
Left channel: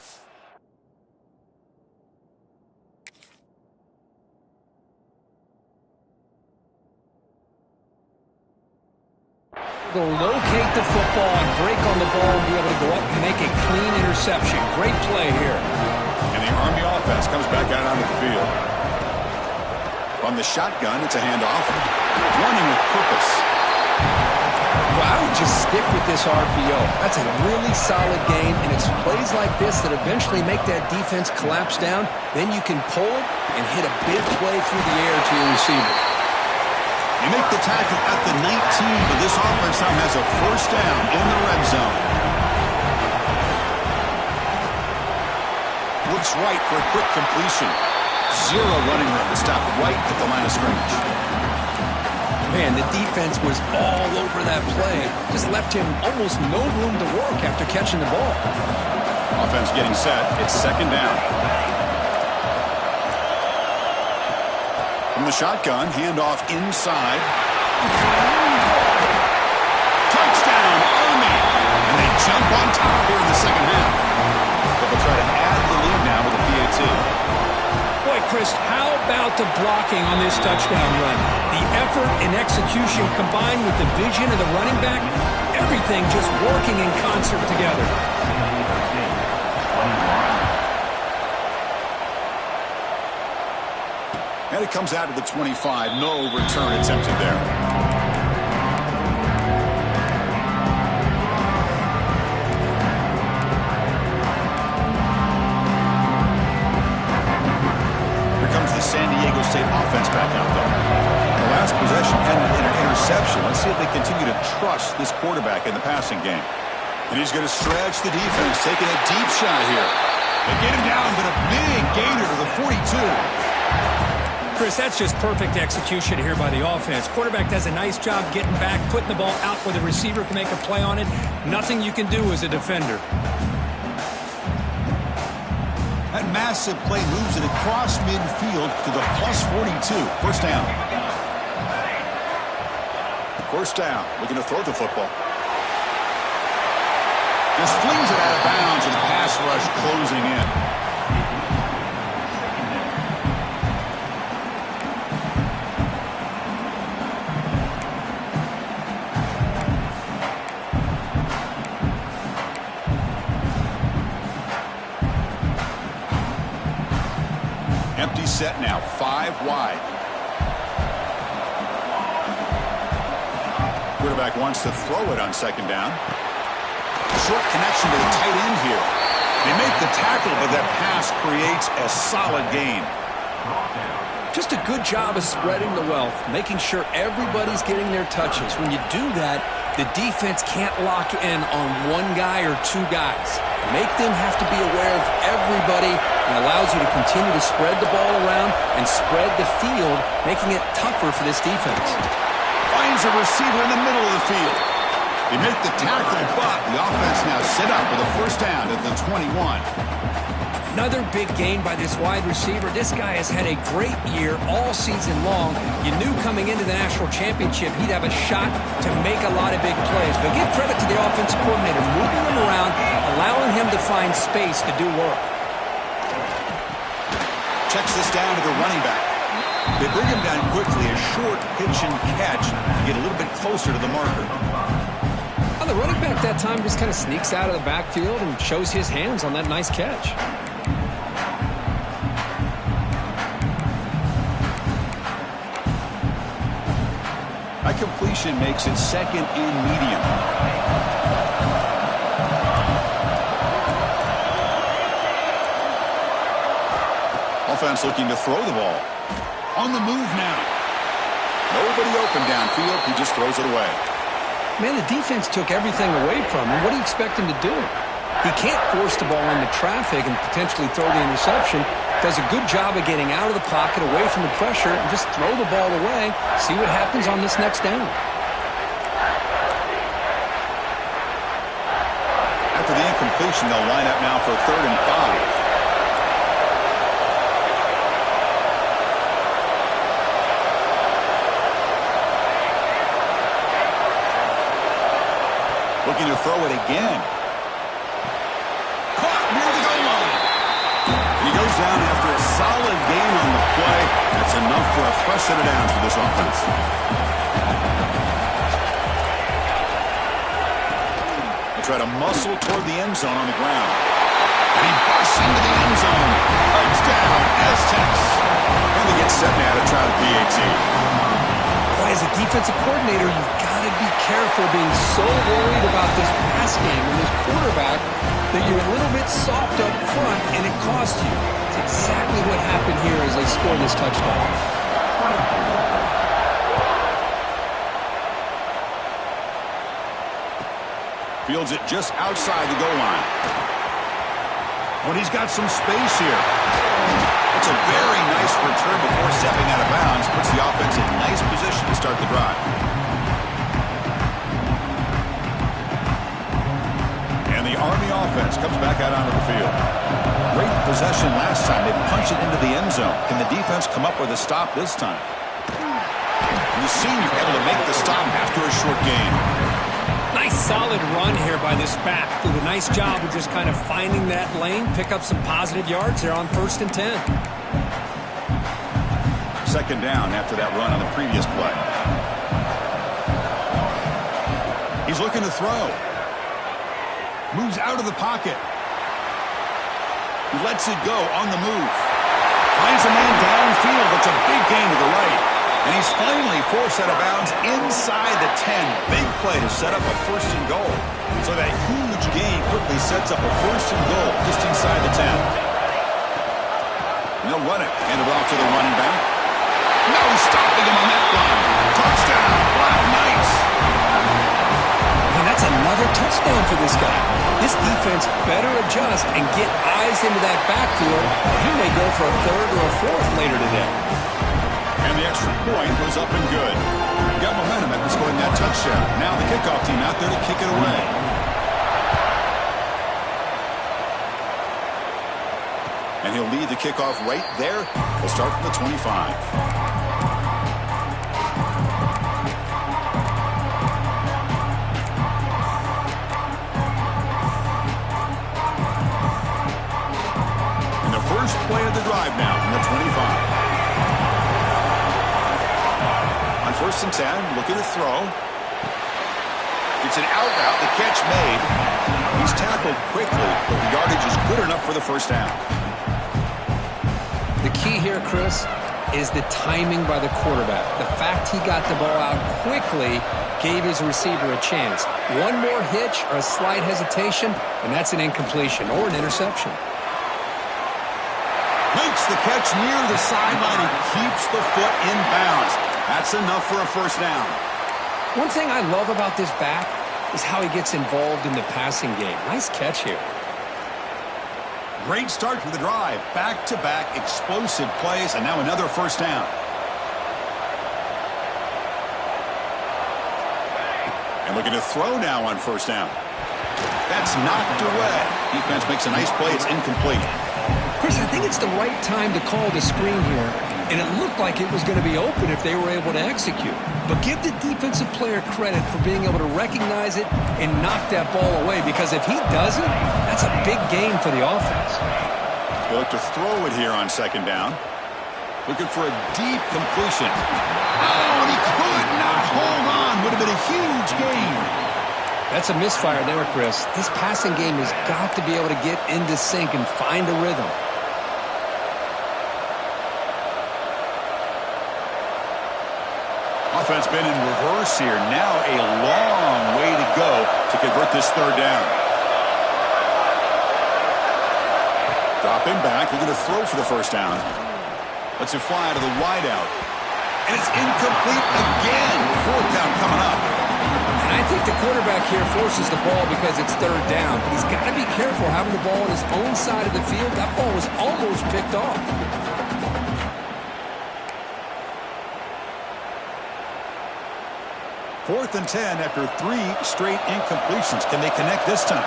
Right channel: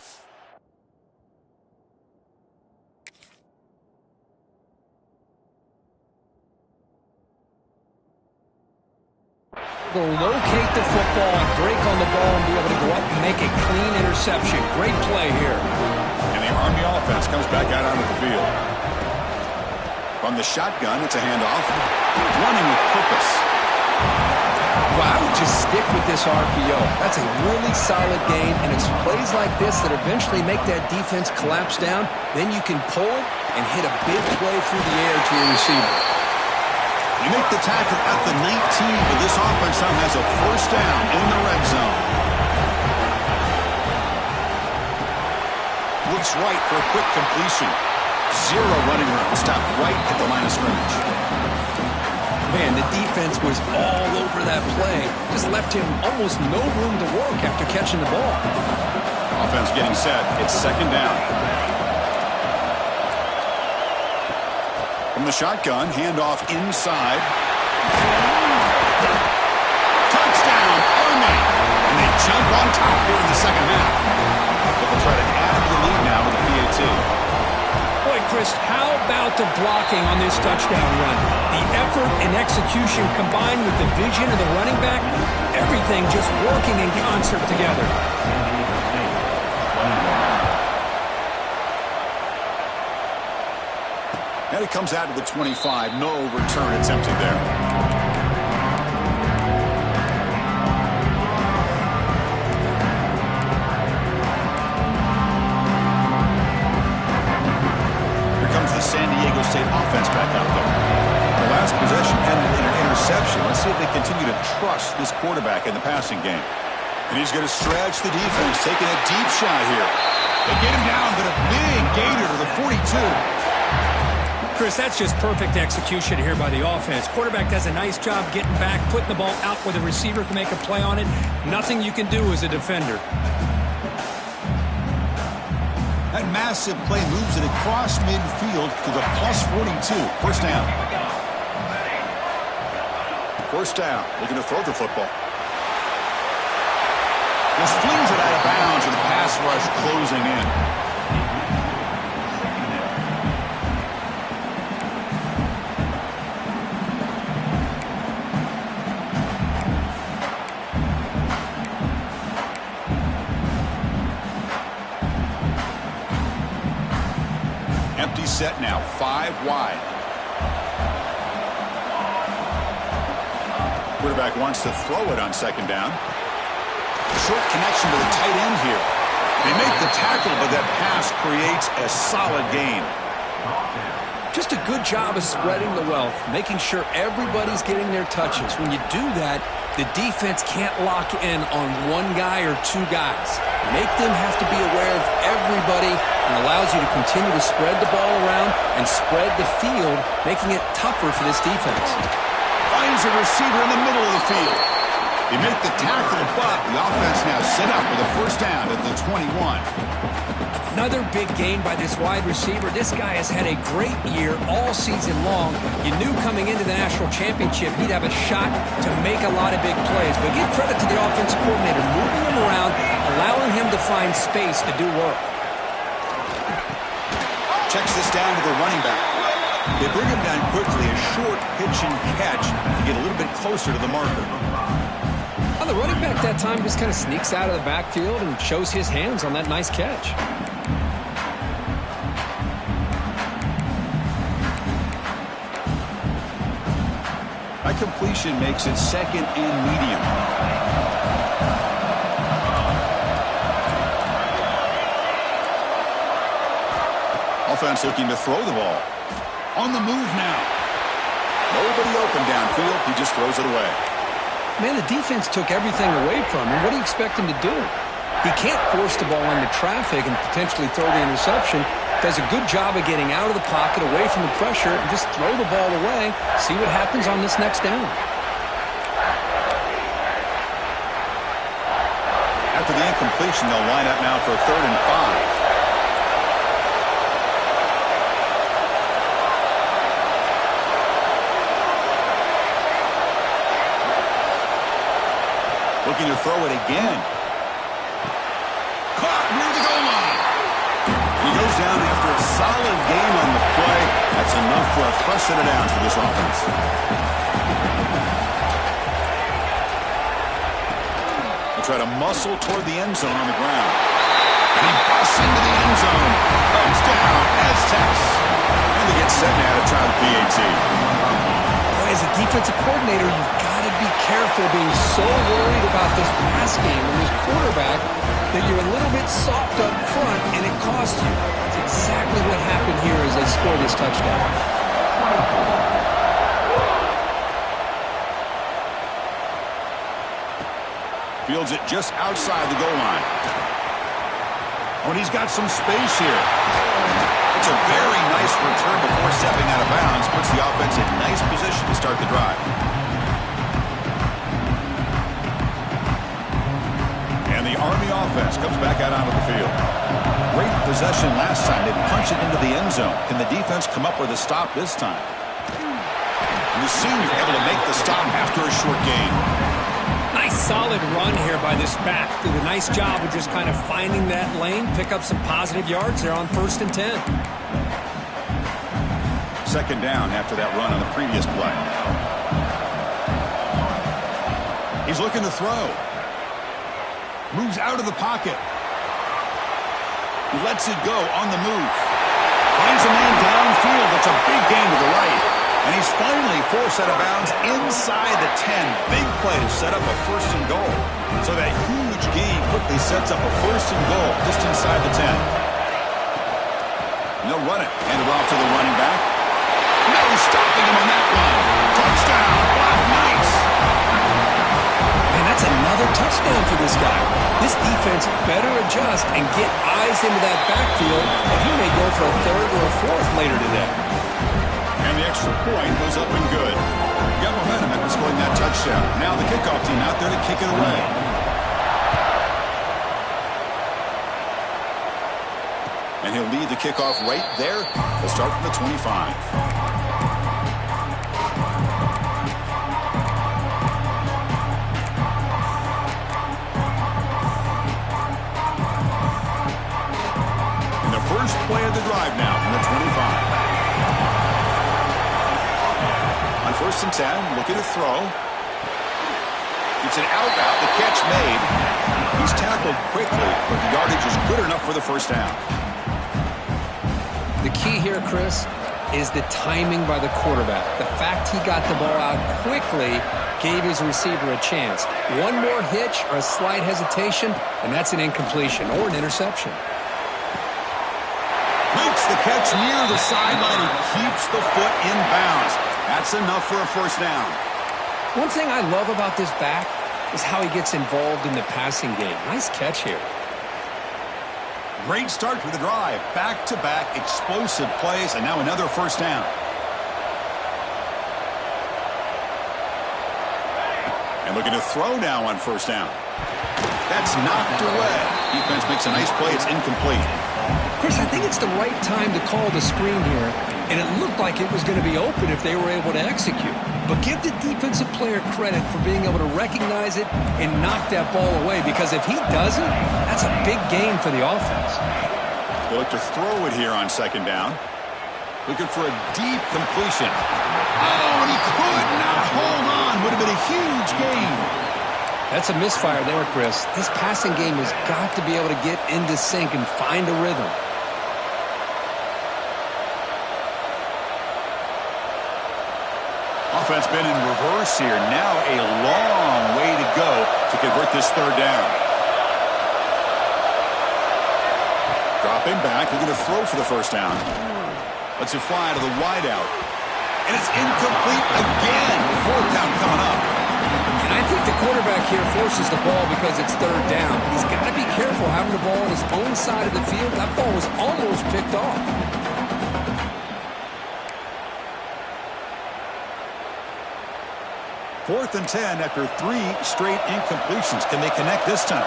Go locate the football and break on the ball and be able to go up and make a clean interception. Great play here. And the Army offense comes back out onto the field. From the shotgun, it's a handoff. Running with purpose. Well, I would just stick with this RPO. That's a really solid game, and it's plays like this that eventually make that defense collapse down. Then you can pull it and hit a big play through the air to your receiver. You make the tackle at the 19, but this offense now has a first down in the red zone. Looks right for a quick completion. Zero running room. Stopped right at the line of scrimmage. Man, the defense was all over that play. Just left him almost no room to work after catching the ball. Offense getting set. It's second down. From the shotgun, handoff inside. Touchdown, Army! And they jump on top here in the second half. But they'll try to add to the lead now with a PAT. Boy, Chris, how about the blocking on this touchdown run? The effort and execution combined with the vision of the running back, everything just working in concert together. And it comes out to the 25. No return attempted there. San Diego State offense back out there. The last possession ended in an interception. Let's see if they continue to trust this quarterback in the passing game. And he's going to stretch the defense, taking a deep shot here. They get him down, but a big gainer to the 42. Chris, that's just perfect execution here by the offense. Quarterback does a nice job getting back, putting the ball out where the receiver can make a play on it. Nothing you can do as a defender. That massive play moves it across midfield to the plus 42. First down. First down. Looking to throw the football. Just flings it out of bounds with the pass rush closing in. Empty set now, 5 wide. Quarterback wants to throw it on second down. Short connection to the tight end here. They make the tackle, but that pass creates a solid gain. Just a good job of spreading the wealth, making sure everybody's getting their touches. When you do that, the defense can't lock in on one guy or two guys. Make them have to be aware of everybody and allows you to continue to spread the ball around and spread the field, making it tougher for this defense. Finds a receiver in the middle of the field. They make the tackle, but the offense now set up with a first down at the 21. Another big gain by this wide receiver. This guy has had a great year all season long. You knew coming into the national championship he'd have a shot to make a lot of big plays. But give credit to the offensive coordinator, moving him around, allowing him to find space to do work. Checks this down to the running back. They bring him down quickly, a short pitch and catch to get a little bit closer to the marker. Well, the running back that time just kind of sneaks out of the backfield and shows his hands on that nice catch. incompletion makes it 2nd and medium. Offense looking to throw the ball. On the move now. Nobody open downfield. He just throws it away. Man, the defense took everything away from him. What do you expect him to do? He can't force the ball into traffic and potentially throw the interception. Does a good job of getting out of the pocket, away from the pressure, and just throw the ball away. See what happens on this next down. After the incompletion, they'll line up now for 3rd and 5. Looking to throw it again. Caught near the goal line. And he goes down after a solid gain on the play. That's enough for a fresh set of downs for this offense. They'll try to muscle toward the end zone on the ground. And he busts into the end zone. Touchdown, Aztecs. And they get set now to try the PAT. Boy, as a defensive coordinator, you've got to be careful being so worried about this pass game and this quarterback that you're a little bit soft up front and it costs you. It's exactly what happened here as they scored this touchdown. Fields it just outside the goal line. Oh, and he's got some space here. It's a very nice return before stepping out of bounds. Puts the offense in nice position to start the drive. And the Army offense comes back out onto the field. Great possession last time. They punch it into the end zone. Can the defense come up with a stop this time? And the senior able to make the stop after a short gain. Nice solid run here by this back. Did a nice job of just kind of finding that lane, pick up some positive yards there on 1st and 10. 2nd down after that run on the previous play. He's looking to throw. Moves out of the pocket. He lets it go on the move. Finds a man downfield. That's a big gain to the right. And he's finally forced out of bounds inside the 10. Big play to set up a 1st and goal. So that huge gain quickly sets up a 1st and goal just inside the 10. And they'll run it. Hand it off to the running back. No stopping him on that run. Touchdown, Black Knights. Man, that's another touchdown for this guy. This defense better adjust and get eyes into that backfield, or he may go for a 3rd or a 4th later today. And the extra point goes up and good. Got momentum after scoring that touchdown. Now the kickoff team out there to kick it away. And he'll lead the kickoff right there. He'll start from the 25. And the first play of the drive now from the 25. On 1st and 10, looking to throw. It's an out route, the catch made. He's tackled quickly, but the yardage is good enough for the 1st down. The key here, Chris, is the timing by the quarterback. The fact he got the ball out quickly gave his receiver a chance. One more hitch or a slight hesitation, and that's an incompletion or an interception. Makes the catch near the sideline and keeps the foot in bounds. That's enough for a 1st down. One thing I love about this back is how he gets involved in the passing game. Nice catch here. Great start to the drive. Back-to-back explosive plays, and now another 1st down. And looking to throw now on 1st down. That's knocked away. Defense makes a nice play. It's incomplete. Chris, I think it's the right time to call the screen here, and it looked like it was going to be open if they were able to execute. But give the defensive player credit for being able to recognize it and knock that ball away, because if he doesn't, that's a big gain for the offense. They look to throw it here on 2nd down. Looking for a deep completion. Oh, and he could not hold on. Would have been a huge gain. That's a misfire there, Chris. This passing game has got to be able to get into sync and find a rhythm. Offense been in reverse here. Now a long way to go to convert this third down. Dropping back, looking to throw for the first down. Lets it fly to the wideout. And it's incomplete again. Fourth down coming up. And I think the quarterback here forces the ball because it's third down. But he's got to be careful having the ball on his own side of the field. That ball was almost picked off. Fourth and 10 after 3 straight incompletions. Can they connect this time?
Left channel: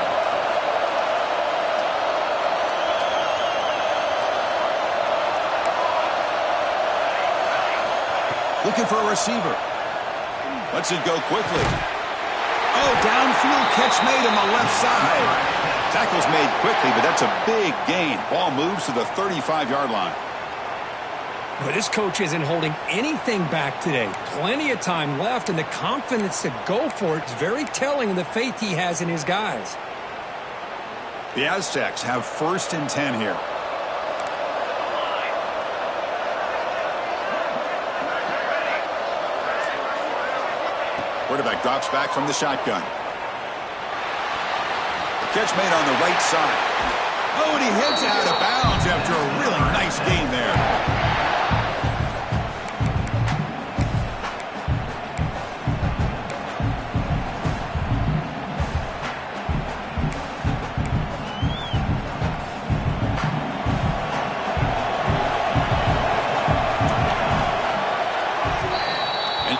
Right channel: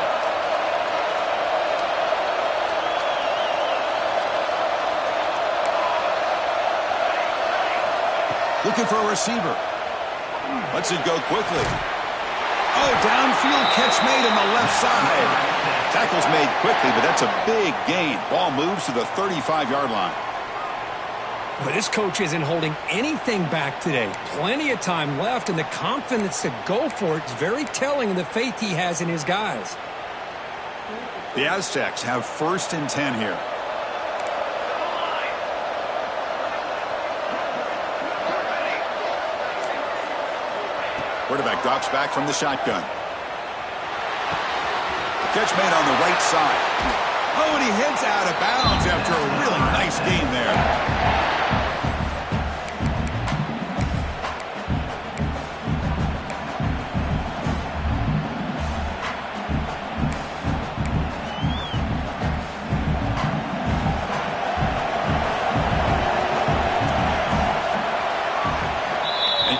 Looking for a receiver. Lets it go quickly. Oh, downfield catch made on the left side. Tackle's made quickly, but that's a big gain. Ball moves to the 35-yard line. But this coach isn't holding anything back today. Plenty of time left, and the confidence to go for it is very telling of the faith he has in his guys. The Aztecs have first and 10 here. Quarterback drops back from the shotgun. Catch made on the right side. Oh, and he heads out of bounds after a really nice gain there.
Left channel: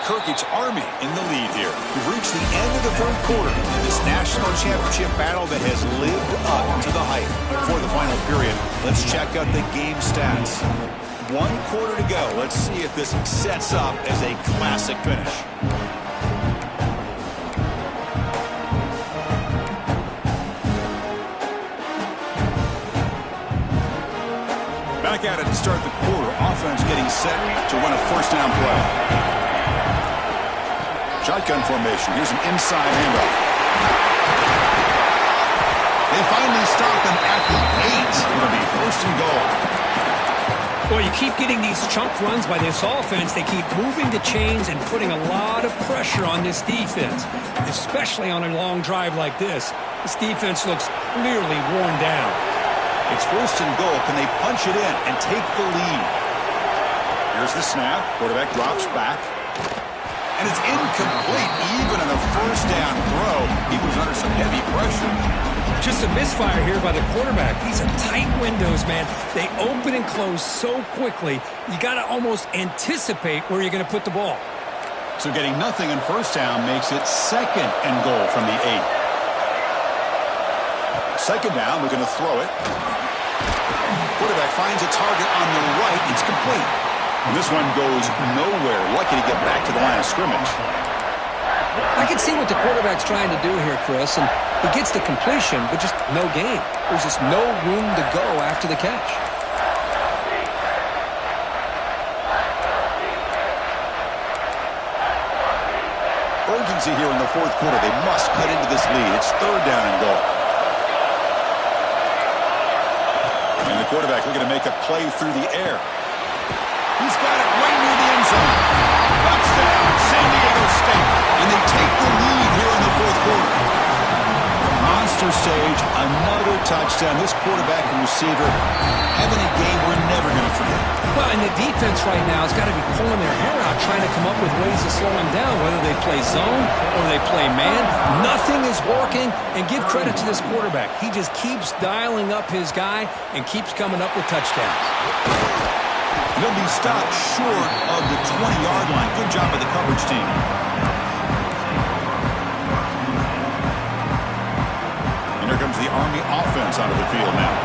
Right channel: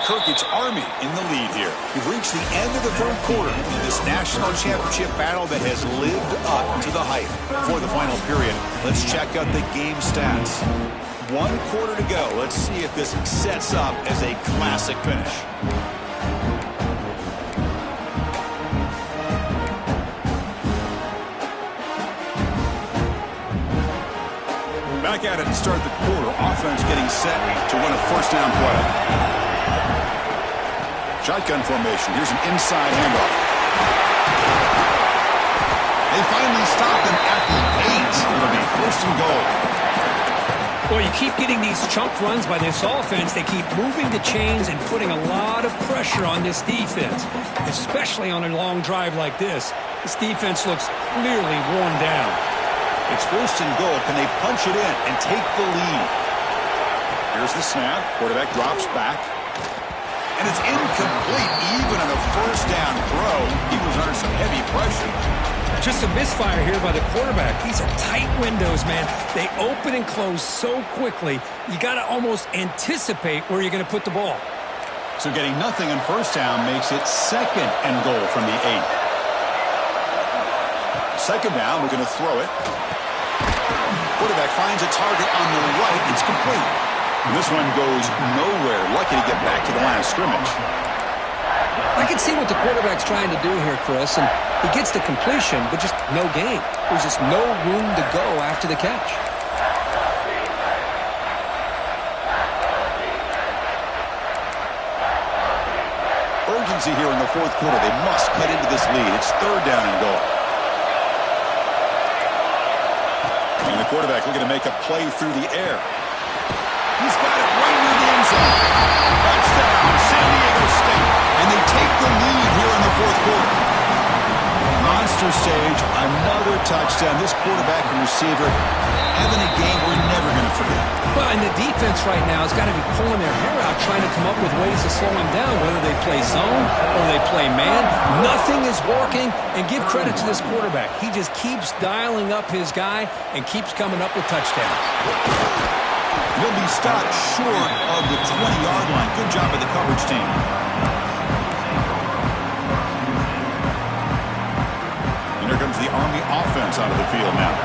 Kirky's Army in the lead here. We've reached the end of the third quarter in this national championship battle that has lived up to the hype. Before the final period, let's check out the game stats. 1 quarter to go. Let's see if this sets up as a classic finish. Back at it to start the quarter. Offense getting set to run a first down play. Shotgun formation. Here's an inside handoff. They finally stop him at the 8. It'll be first and goal. Well, you keep getting these chunk runs by this offense. They keep moving the chains and putting a lot of pressure on this defense, especially on a long drive like this. This defense looks clearly worn down. It's first and goal. Can they punch it in and take the lead? Here's the snap. Quarterback drops back. And it's incomplete, even on a first down throw. He was under some heavy pressure. Just a misfire here by the quarterback. These are tight windows, man. They open and close so quickly, you got to almost anticipate where you're going to put the ball. So getting nothing on first down makes it second and goal from the 8. Second down, we're going to throw it. Quarterback finds a target on the right. It's complete. And this one goes nowhere. Lucky to get back to the line of scrimmage. I can see what the quarterback's trying to do here, Chris, and he gets the completion, but just no gain. There's just no room to go after the catch. Urgency here in the fourth quarter. They must cut into this lead. It's third down and goal. And the quarterback looking to make a play through the air. He's got it right near the end zone. Touchdown, San Diego State. And they take the lead here in the fourth quarter. Monster stage, another touchdown. This quarterback and receiver having a game we're never going to forget. Well, and the defense right now has got to be pulling their hair out, trying to come up with ways to slow him down, whether they play zone or they play man. Nothing is working, and give credit to this quarterback. He just keeps dialing up his guy and keeps coming up with touchdowns. He'll be stopped short of the 20-yard line. Good job by the coverage team. And here comes the Army offense onto the field now.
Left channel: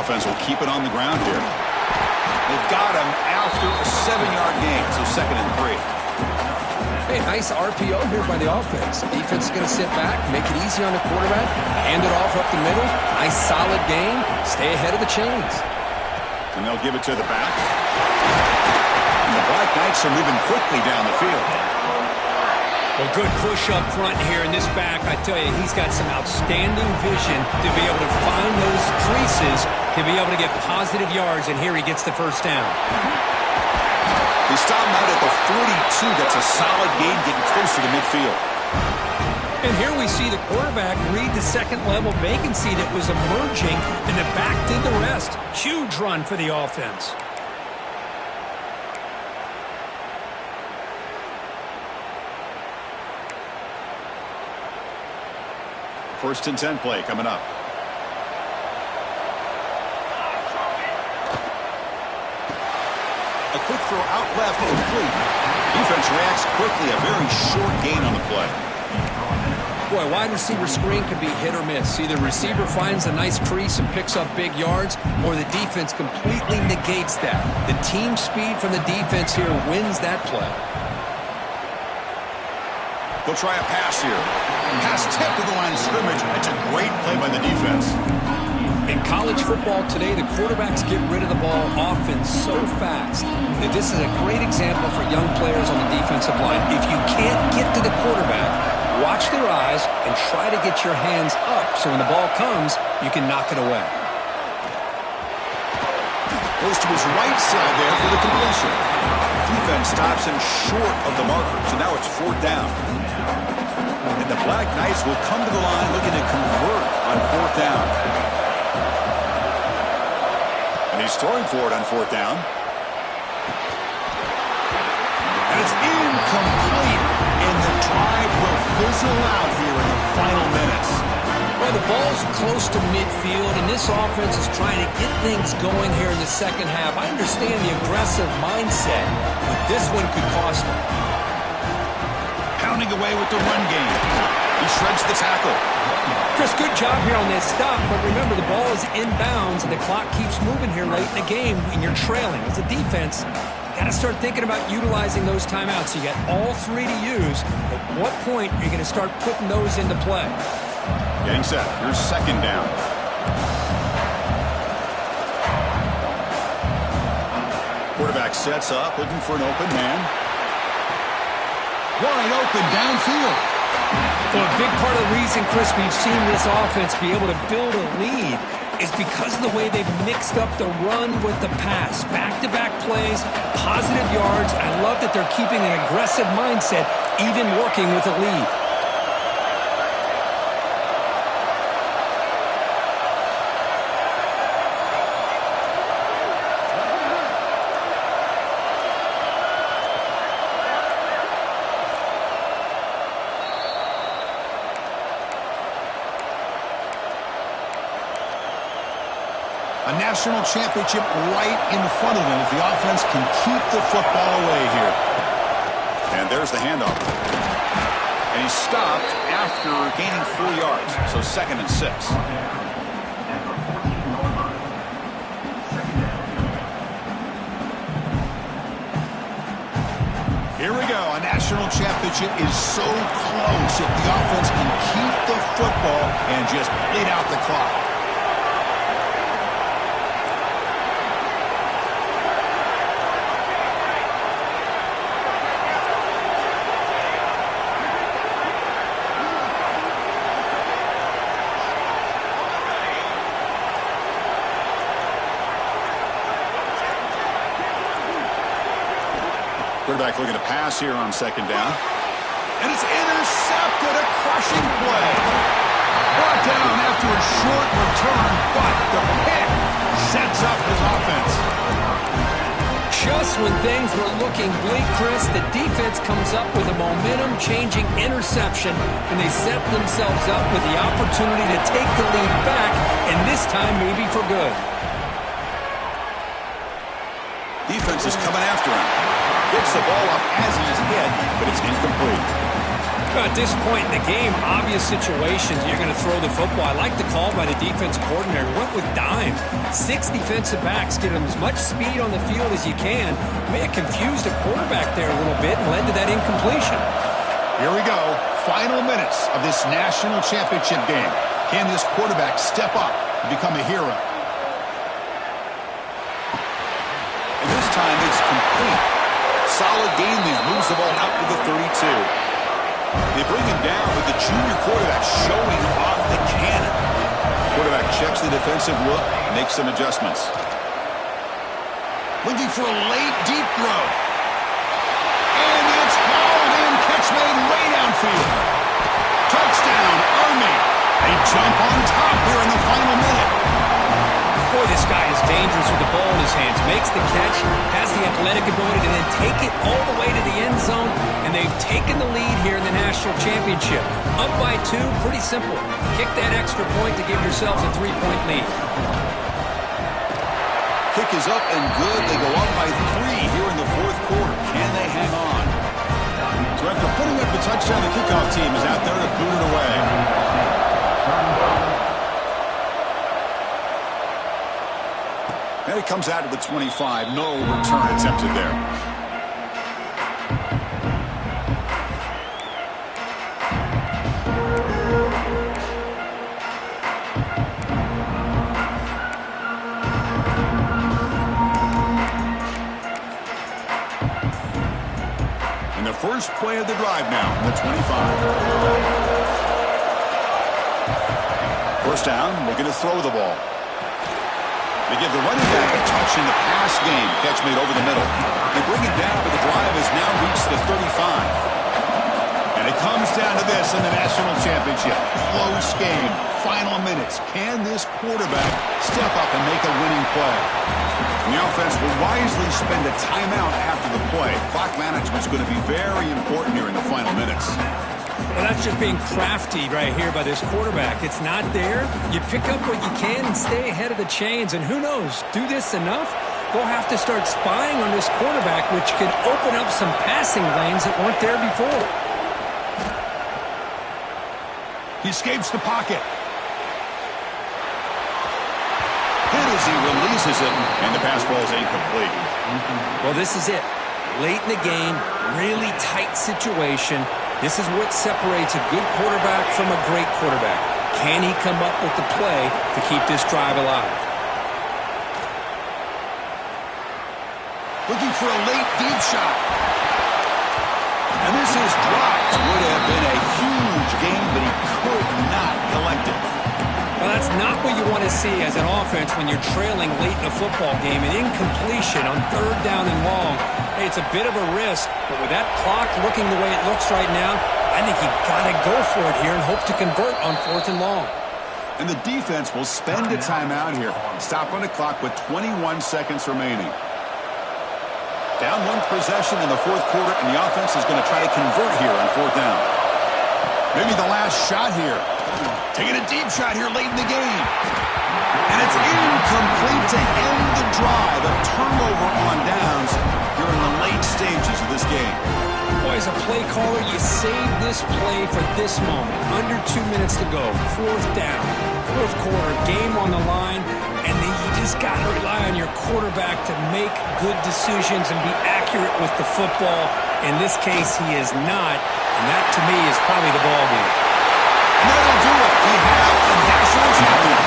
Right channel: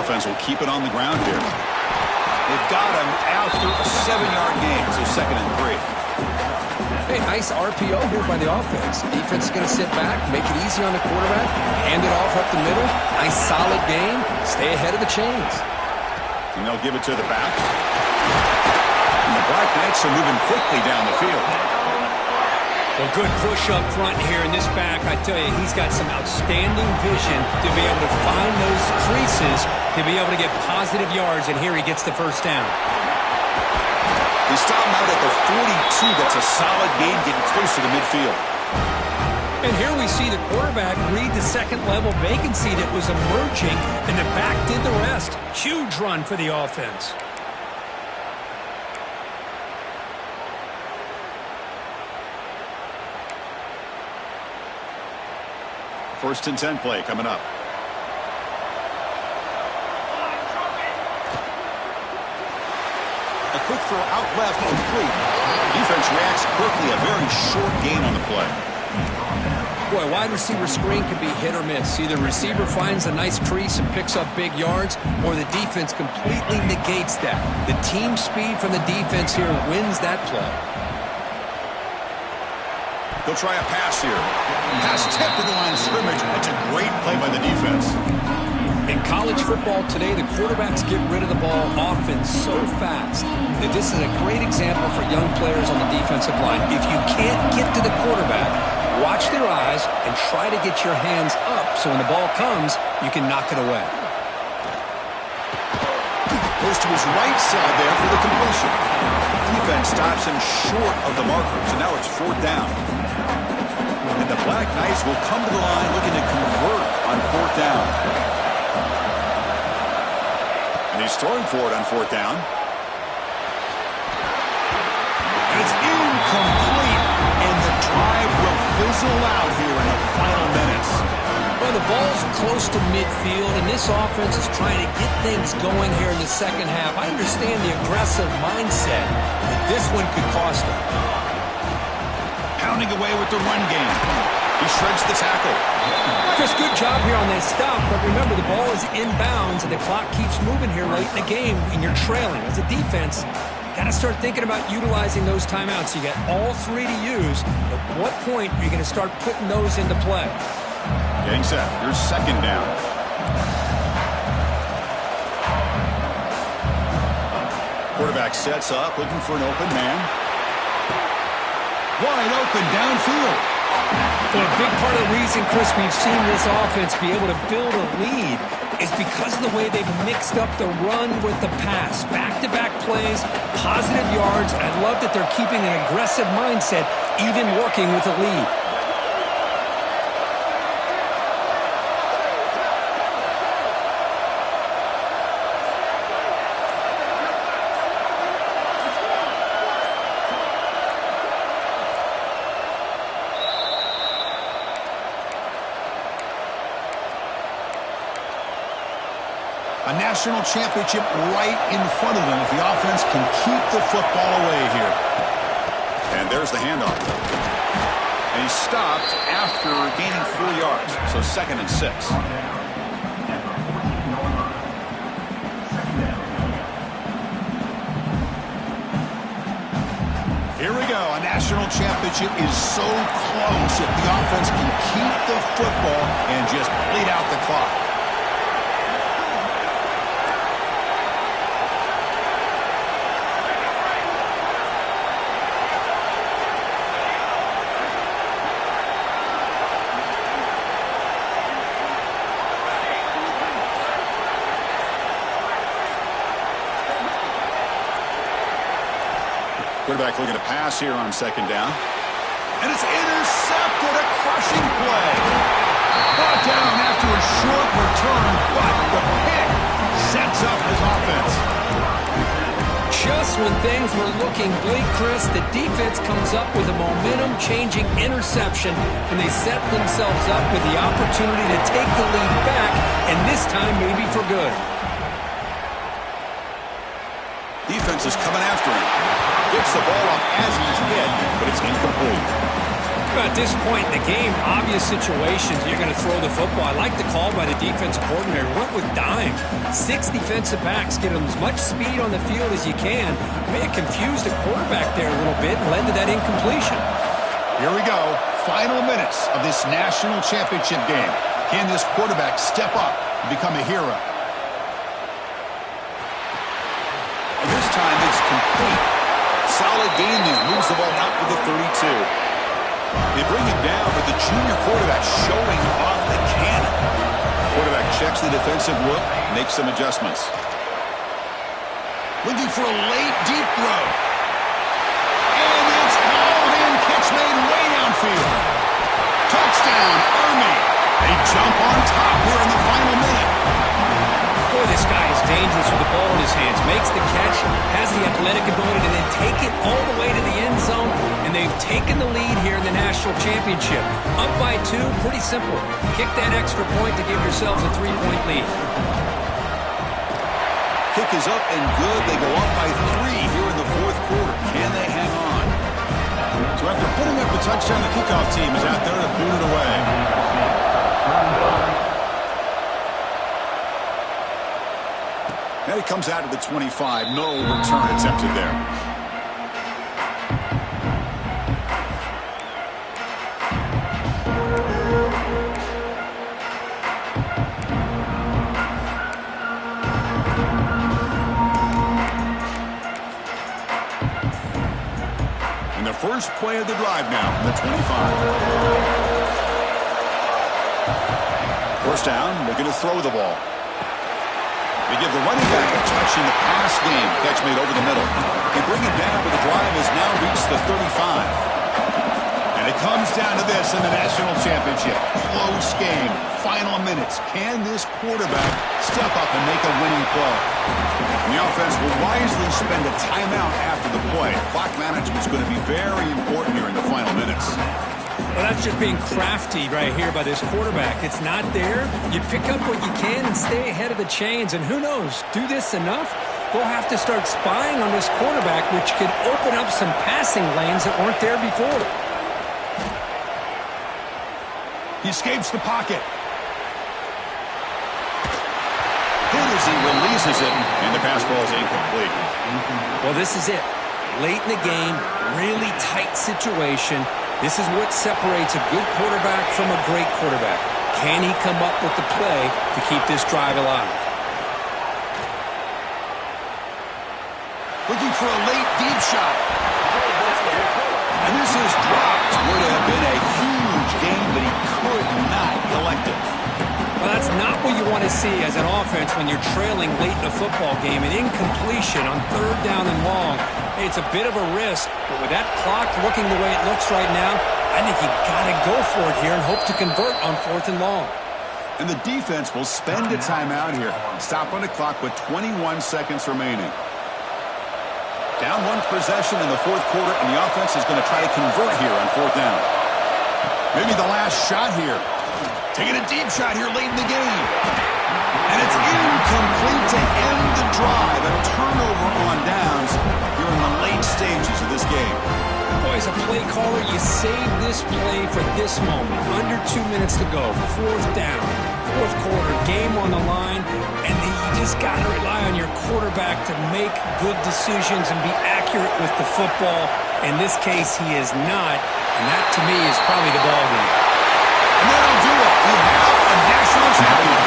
Offense will keep it on the ground here. They've got him after a 7-yard gain, so second and 3. Hey, nice RPO here by the offense. Defense is going to sit back, make it easy on the quarterback, hand it off up the middle. Nice solid game. Stay ahead of the chains. And they'll give it to the back. And the Black Knights are moving quickly down the field. Well, good push up front here in this back. I tell you, he's got some outstanding vision to be able to find those creases, to be able to get positive yards, and here he gets the first down. They stop him out at the 42. That's a solid gain, getting closer to midfield. And here we see the quarterback read the second-level vacancy that was emerging, and the back did the rest. Huge run for the offense. First and 10 play coming up. A quick throw out left, complete. Defense reacts quickly, a very short gain on the play. Boy, wide receiver screen can be hit or miss. Either receiver finds a nice crease and picks up big yards, or the defense completely negates that. The team speed from the defense here wins that play. They'll try a pass here. Pass tipped to the line of scrimmage. That's a great play by the defense. In college football today, the quarterbacks get rid of the ball often so fast that this is a great example for young players on the defensive line. If you can't get to the quarterback, watch their eyes and try to get your hands up so when the ball comes, you can knock it away. Goes to his right side there for the completion. Defense stops him short of the marker, so now it's 4th down. And the Black Knights will come to the line looking to convert on 4th down. And he's throwing for it on 4th down. And it's incomplete. And the drive will fizzle out here in the final minutes. Well, the ball's close to midfield, and this offense is trying to get things going here in the second half. I understand the aggressive mindset, but this one could cost them. Pounding away with the run game. He shreds the tackle. Chris, good job here on that stop, but remember, the ball is inbounds, and the clock keeps moving here late in the game, and you're trailing. As a defense, you got to start thinking about utilizing those timeouts. You got all 3 to use. At what point are you going to start putting those into play? Getting set. Here's 2nd down. Quarterback sets up, looking for an open man. Wide open downfield. Well, a big part of the reason, Chris, we've seen this offense be able to build a lead is because of the way they've mixed up the run with the pass. Back-to-back plays, positive yards. I love that they're keeping an aggressive mindset, even working with a lead. A national championship right in front of them if the offense can keep the football away here. And there's the handoff. And he stopped after gaining 4 yards. So 2nd and 6. Here we go. A national championship is so close if the offense can keep the football and just bleed out the clock. Quarterback looking to pass here on 2nd down. And it's intercepted, a crushing play. Brought down after a short return, but the pick sets up his offense. Just when things were looking bleak, Chris, the defense comes up with a momentum-changing interception, and they set themselves up with the opportunity to take the lead back, and this time maybe for good. Defense is coming after him. Gets the ball off as he's hit, but it's incomplete. At this point in the game, obvious situations, you're going to throw the football. I like the call by the defense coordinator. Went with dime. 6 defensive backs, get them as much speed on the field as you can. May have confused the quarterback there a little bit and led to that incompletion. Here we go. Final minutes of this national championship game. Can this quarterback step up and become a hero? And this time it's complete. Solid gain there. Moves the ball out to the 32. They bring him down, but the junior quarterback showing off the cannon. Quarterback checks the defensive look, makes some adjustments. Looking for a late deep throw. field. Touchdown, Army. They jump on top here in the final minute. Boy, this guy is dangerous with the ball in his hands. Makes the catch, has the athletic ability to then take it all the way to the end zone, and they've taken the lead here in the national championship. Up by 2, pretty simple. Kick that extra point to give yourselves a 3-point lead. Kick is up and good. They go up by 3 here in the fourth quarter. Can they hang on? So after putting up the touchdown, the kickoff team is out there to boot it away. And it comes out of the 25. No return attempted there. And the first play of the drive now from the 25. First down, looking to throw the ball. They give the running back a touch in the pass game. Catch made over the middle. They bring it down, but the drive has now reached the 35. And it comes down to this in the national championship. Close game. Final minutes. Can this quarterback step up and make a winning play? And the offense will wisely spend a timeout after the play. Clock management is going to be very important here in the final minutes. Well, that's just being crafty right here by this quarterback. It's not there. You pick up what you can and stay ahead of the chains. And who knows, do this enough, they'll have to start spying on this quarterback, which could open up some passing lanes that weren't there before. He escapes the pocket. Hit as he releases it, and the pass ball is incomplete. Well, this is it. Late in the game, really tight situation. This is what separates a good quarterback from a great quarterback. Can he come up with the play to keep this drive alive? Looking for a late deep shot. And this is dropped. Would have been a huge gain, but he could not collect it. Well, that's not what you want to see as an offense when you're trailing late in a football game. An incompletion on 3rd down and long. Hey, it's a bit of a risk, but with that clock looking the way it looks right now, I think you got to go for it here and hope to convert on 4th and long. And the defense will spend a timeout here. Stop on the clock with 21 seconds remaining. Down 1 possession in the fourth quarter, and the offense is going to try to convert here on 4th down. Maybe the last shot here. Taking a deep shot here late in the game. And it's incomplete to end the drive. A turnover on downs here in the late stages of this game. Boy, as a play caller, you save this play for this moment. Under 2 minutes to go. 4th down. 4th quarter. Game on the line. And then you just got to rely on your quarterback to make good decisions and be accurate with the football. In this case, he is not. And that, to me, is probably the ball game. And that'll do it. We have a national champion.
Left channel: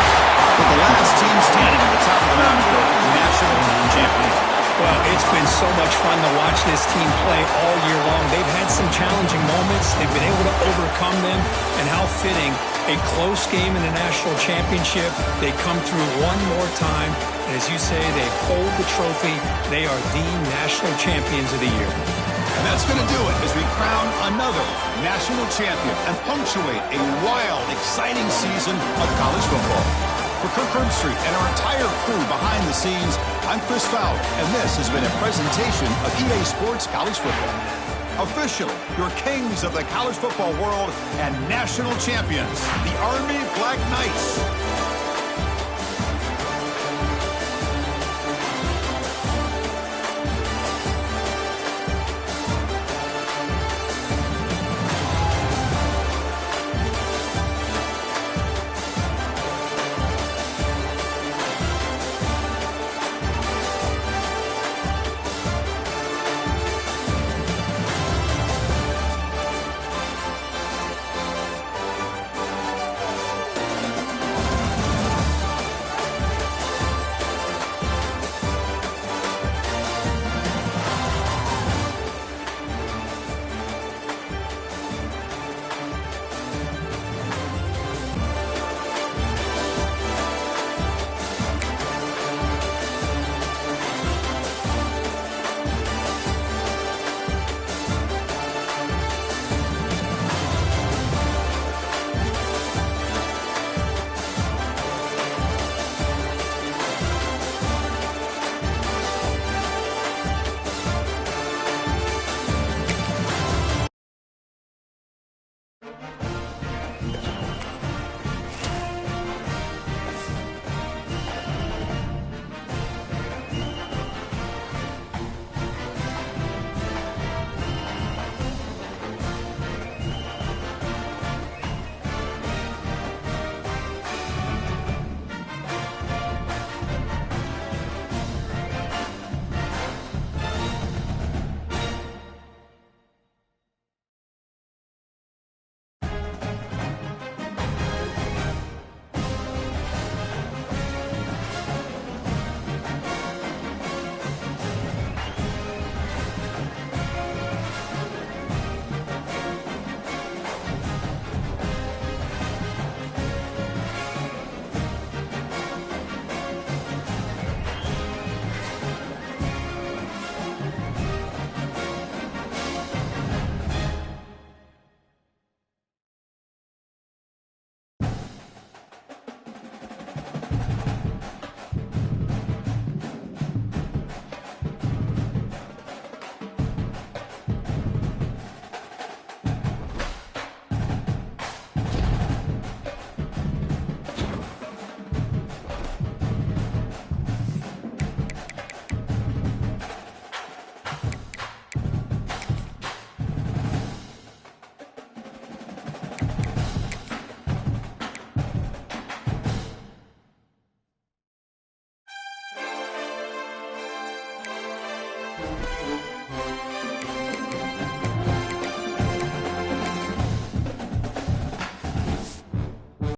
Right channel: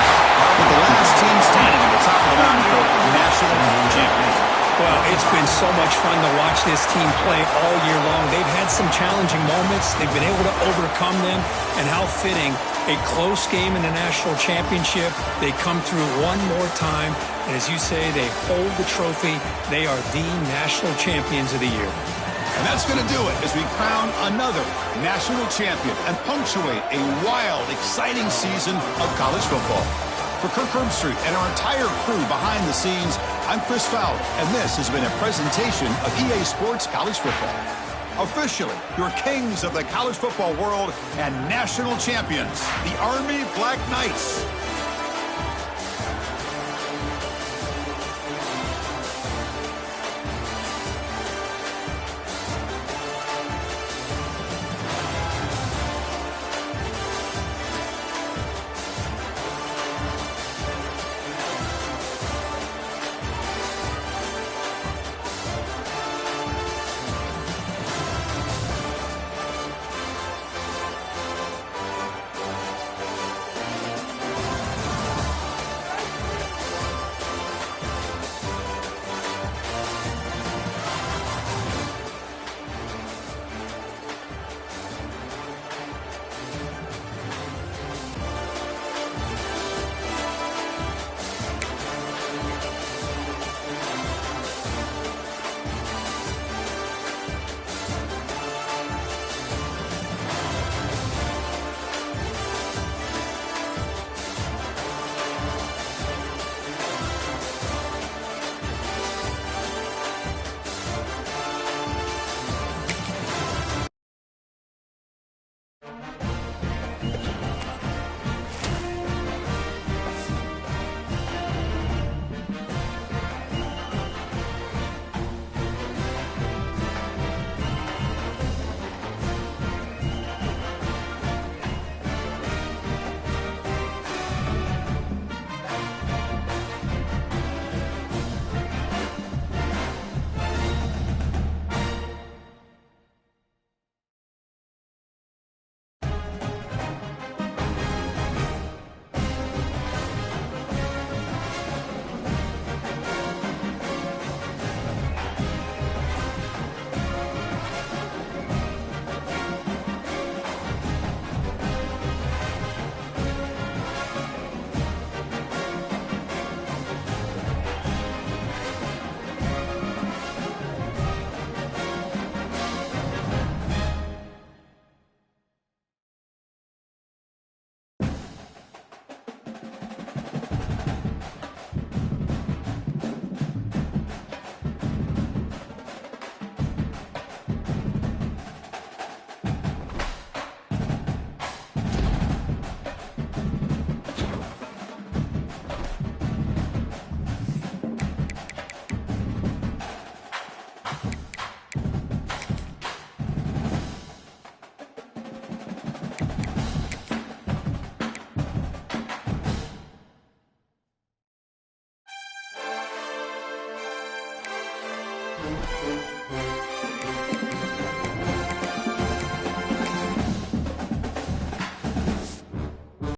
With the last team standing at the top of the mountain for national champions. Well, it's been so much fun to watch this team play all year long. They've had some challenging moments. They've been able to overcome them. And how fitting, a close game in the national championship. They come through one more time. And as you say, they hold the trophy. They are the national champions of the year. And that's going to do it as we crown another national champion and punctuate a wild, exciting season of college football. For Kirk Herbstreit and our entire crew behind the scenes, I'm Chris Fowler, and this has been a presentation of EA Sports College Football. Officially, your kings of the college football world and national champions, the Army Black Knights.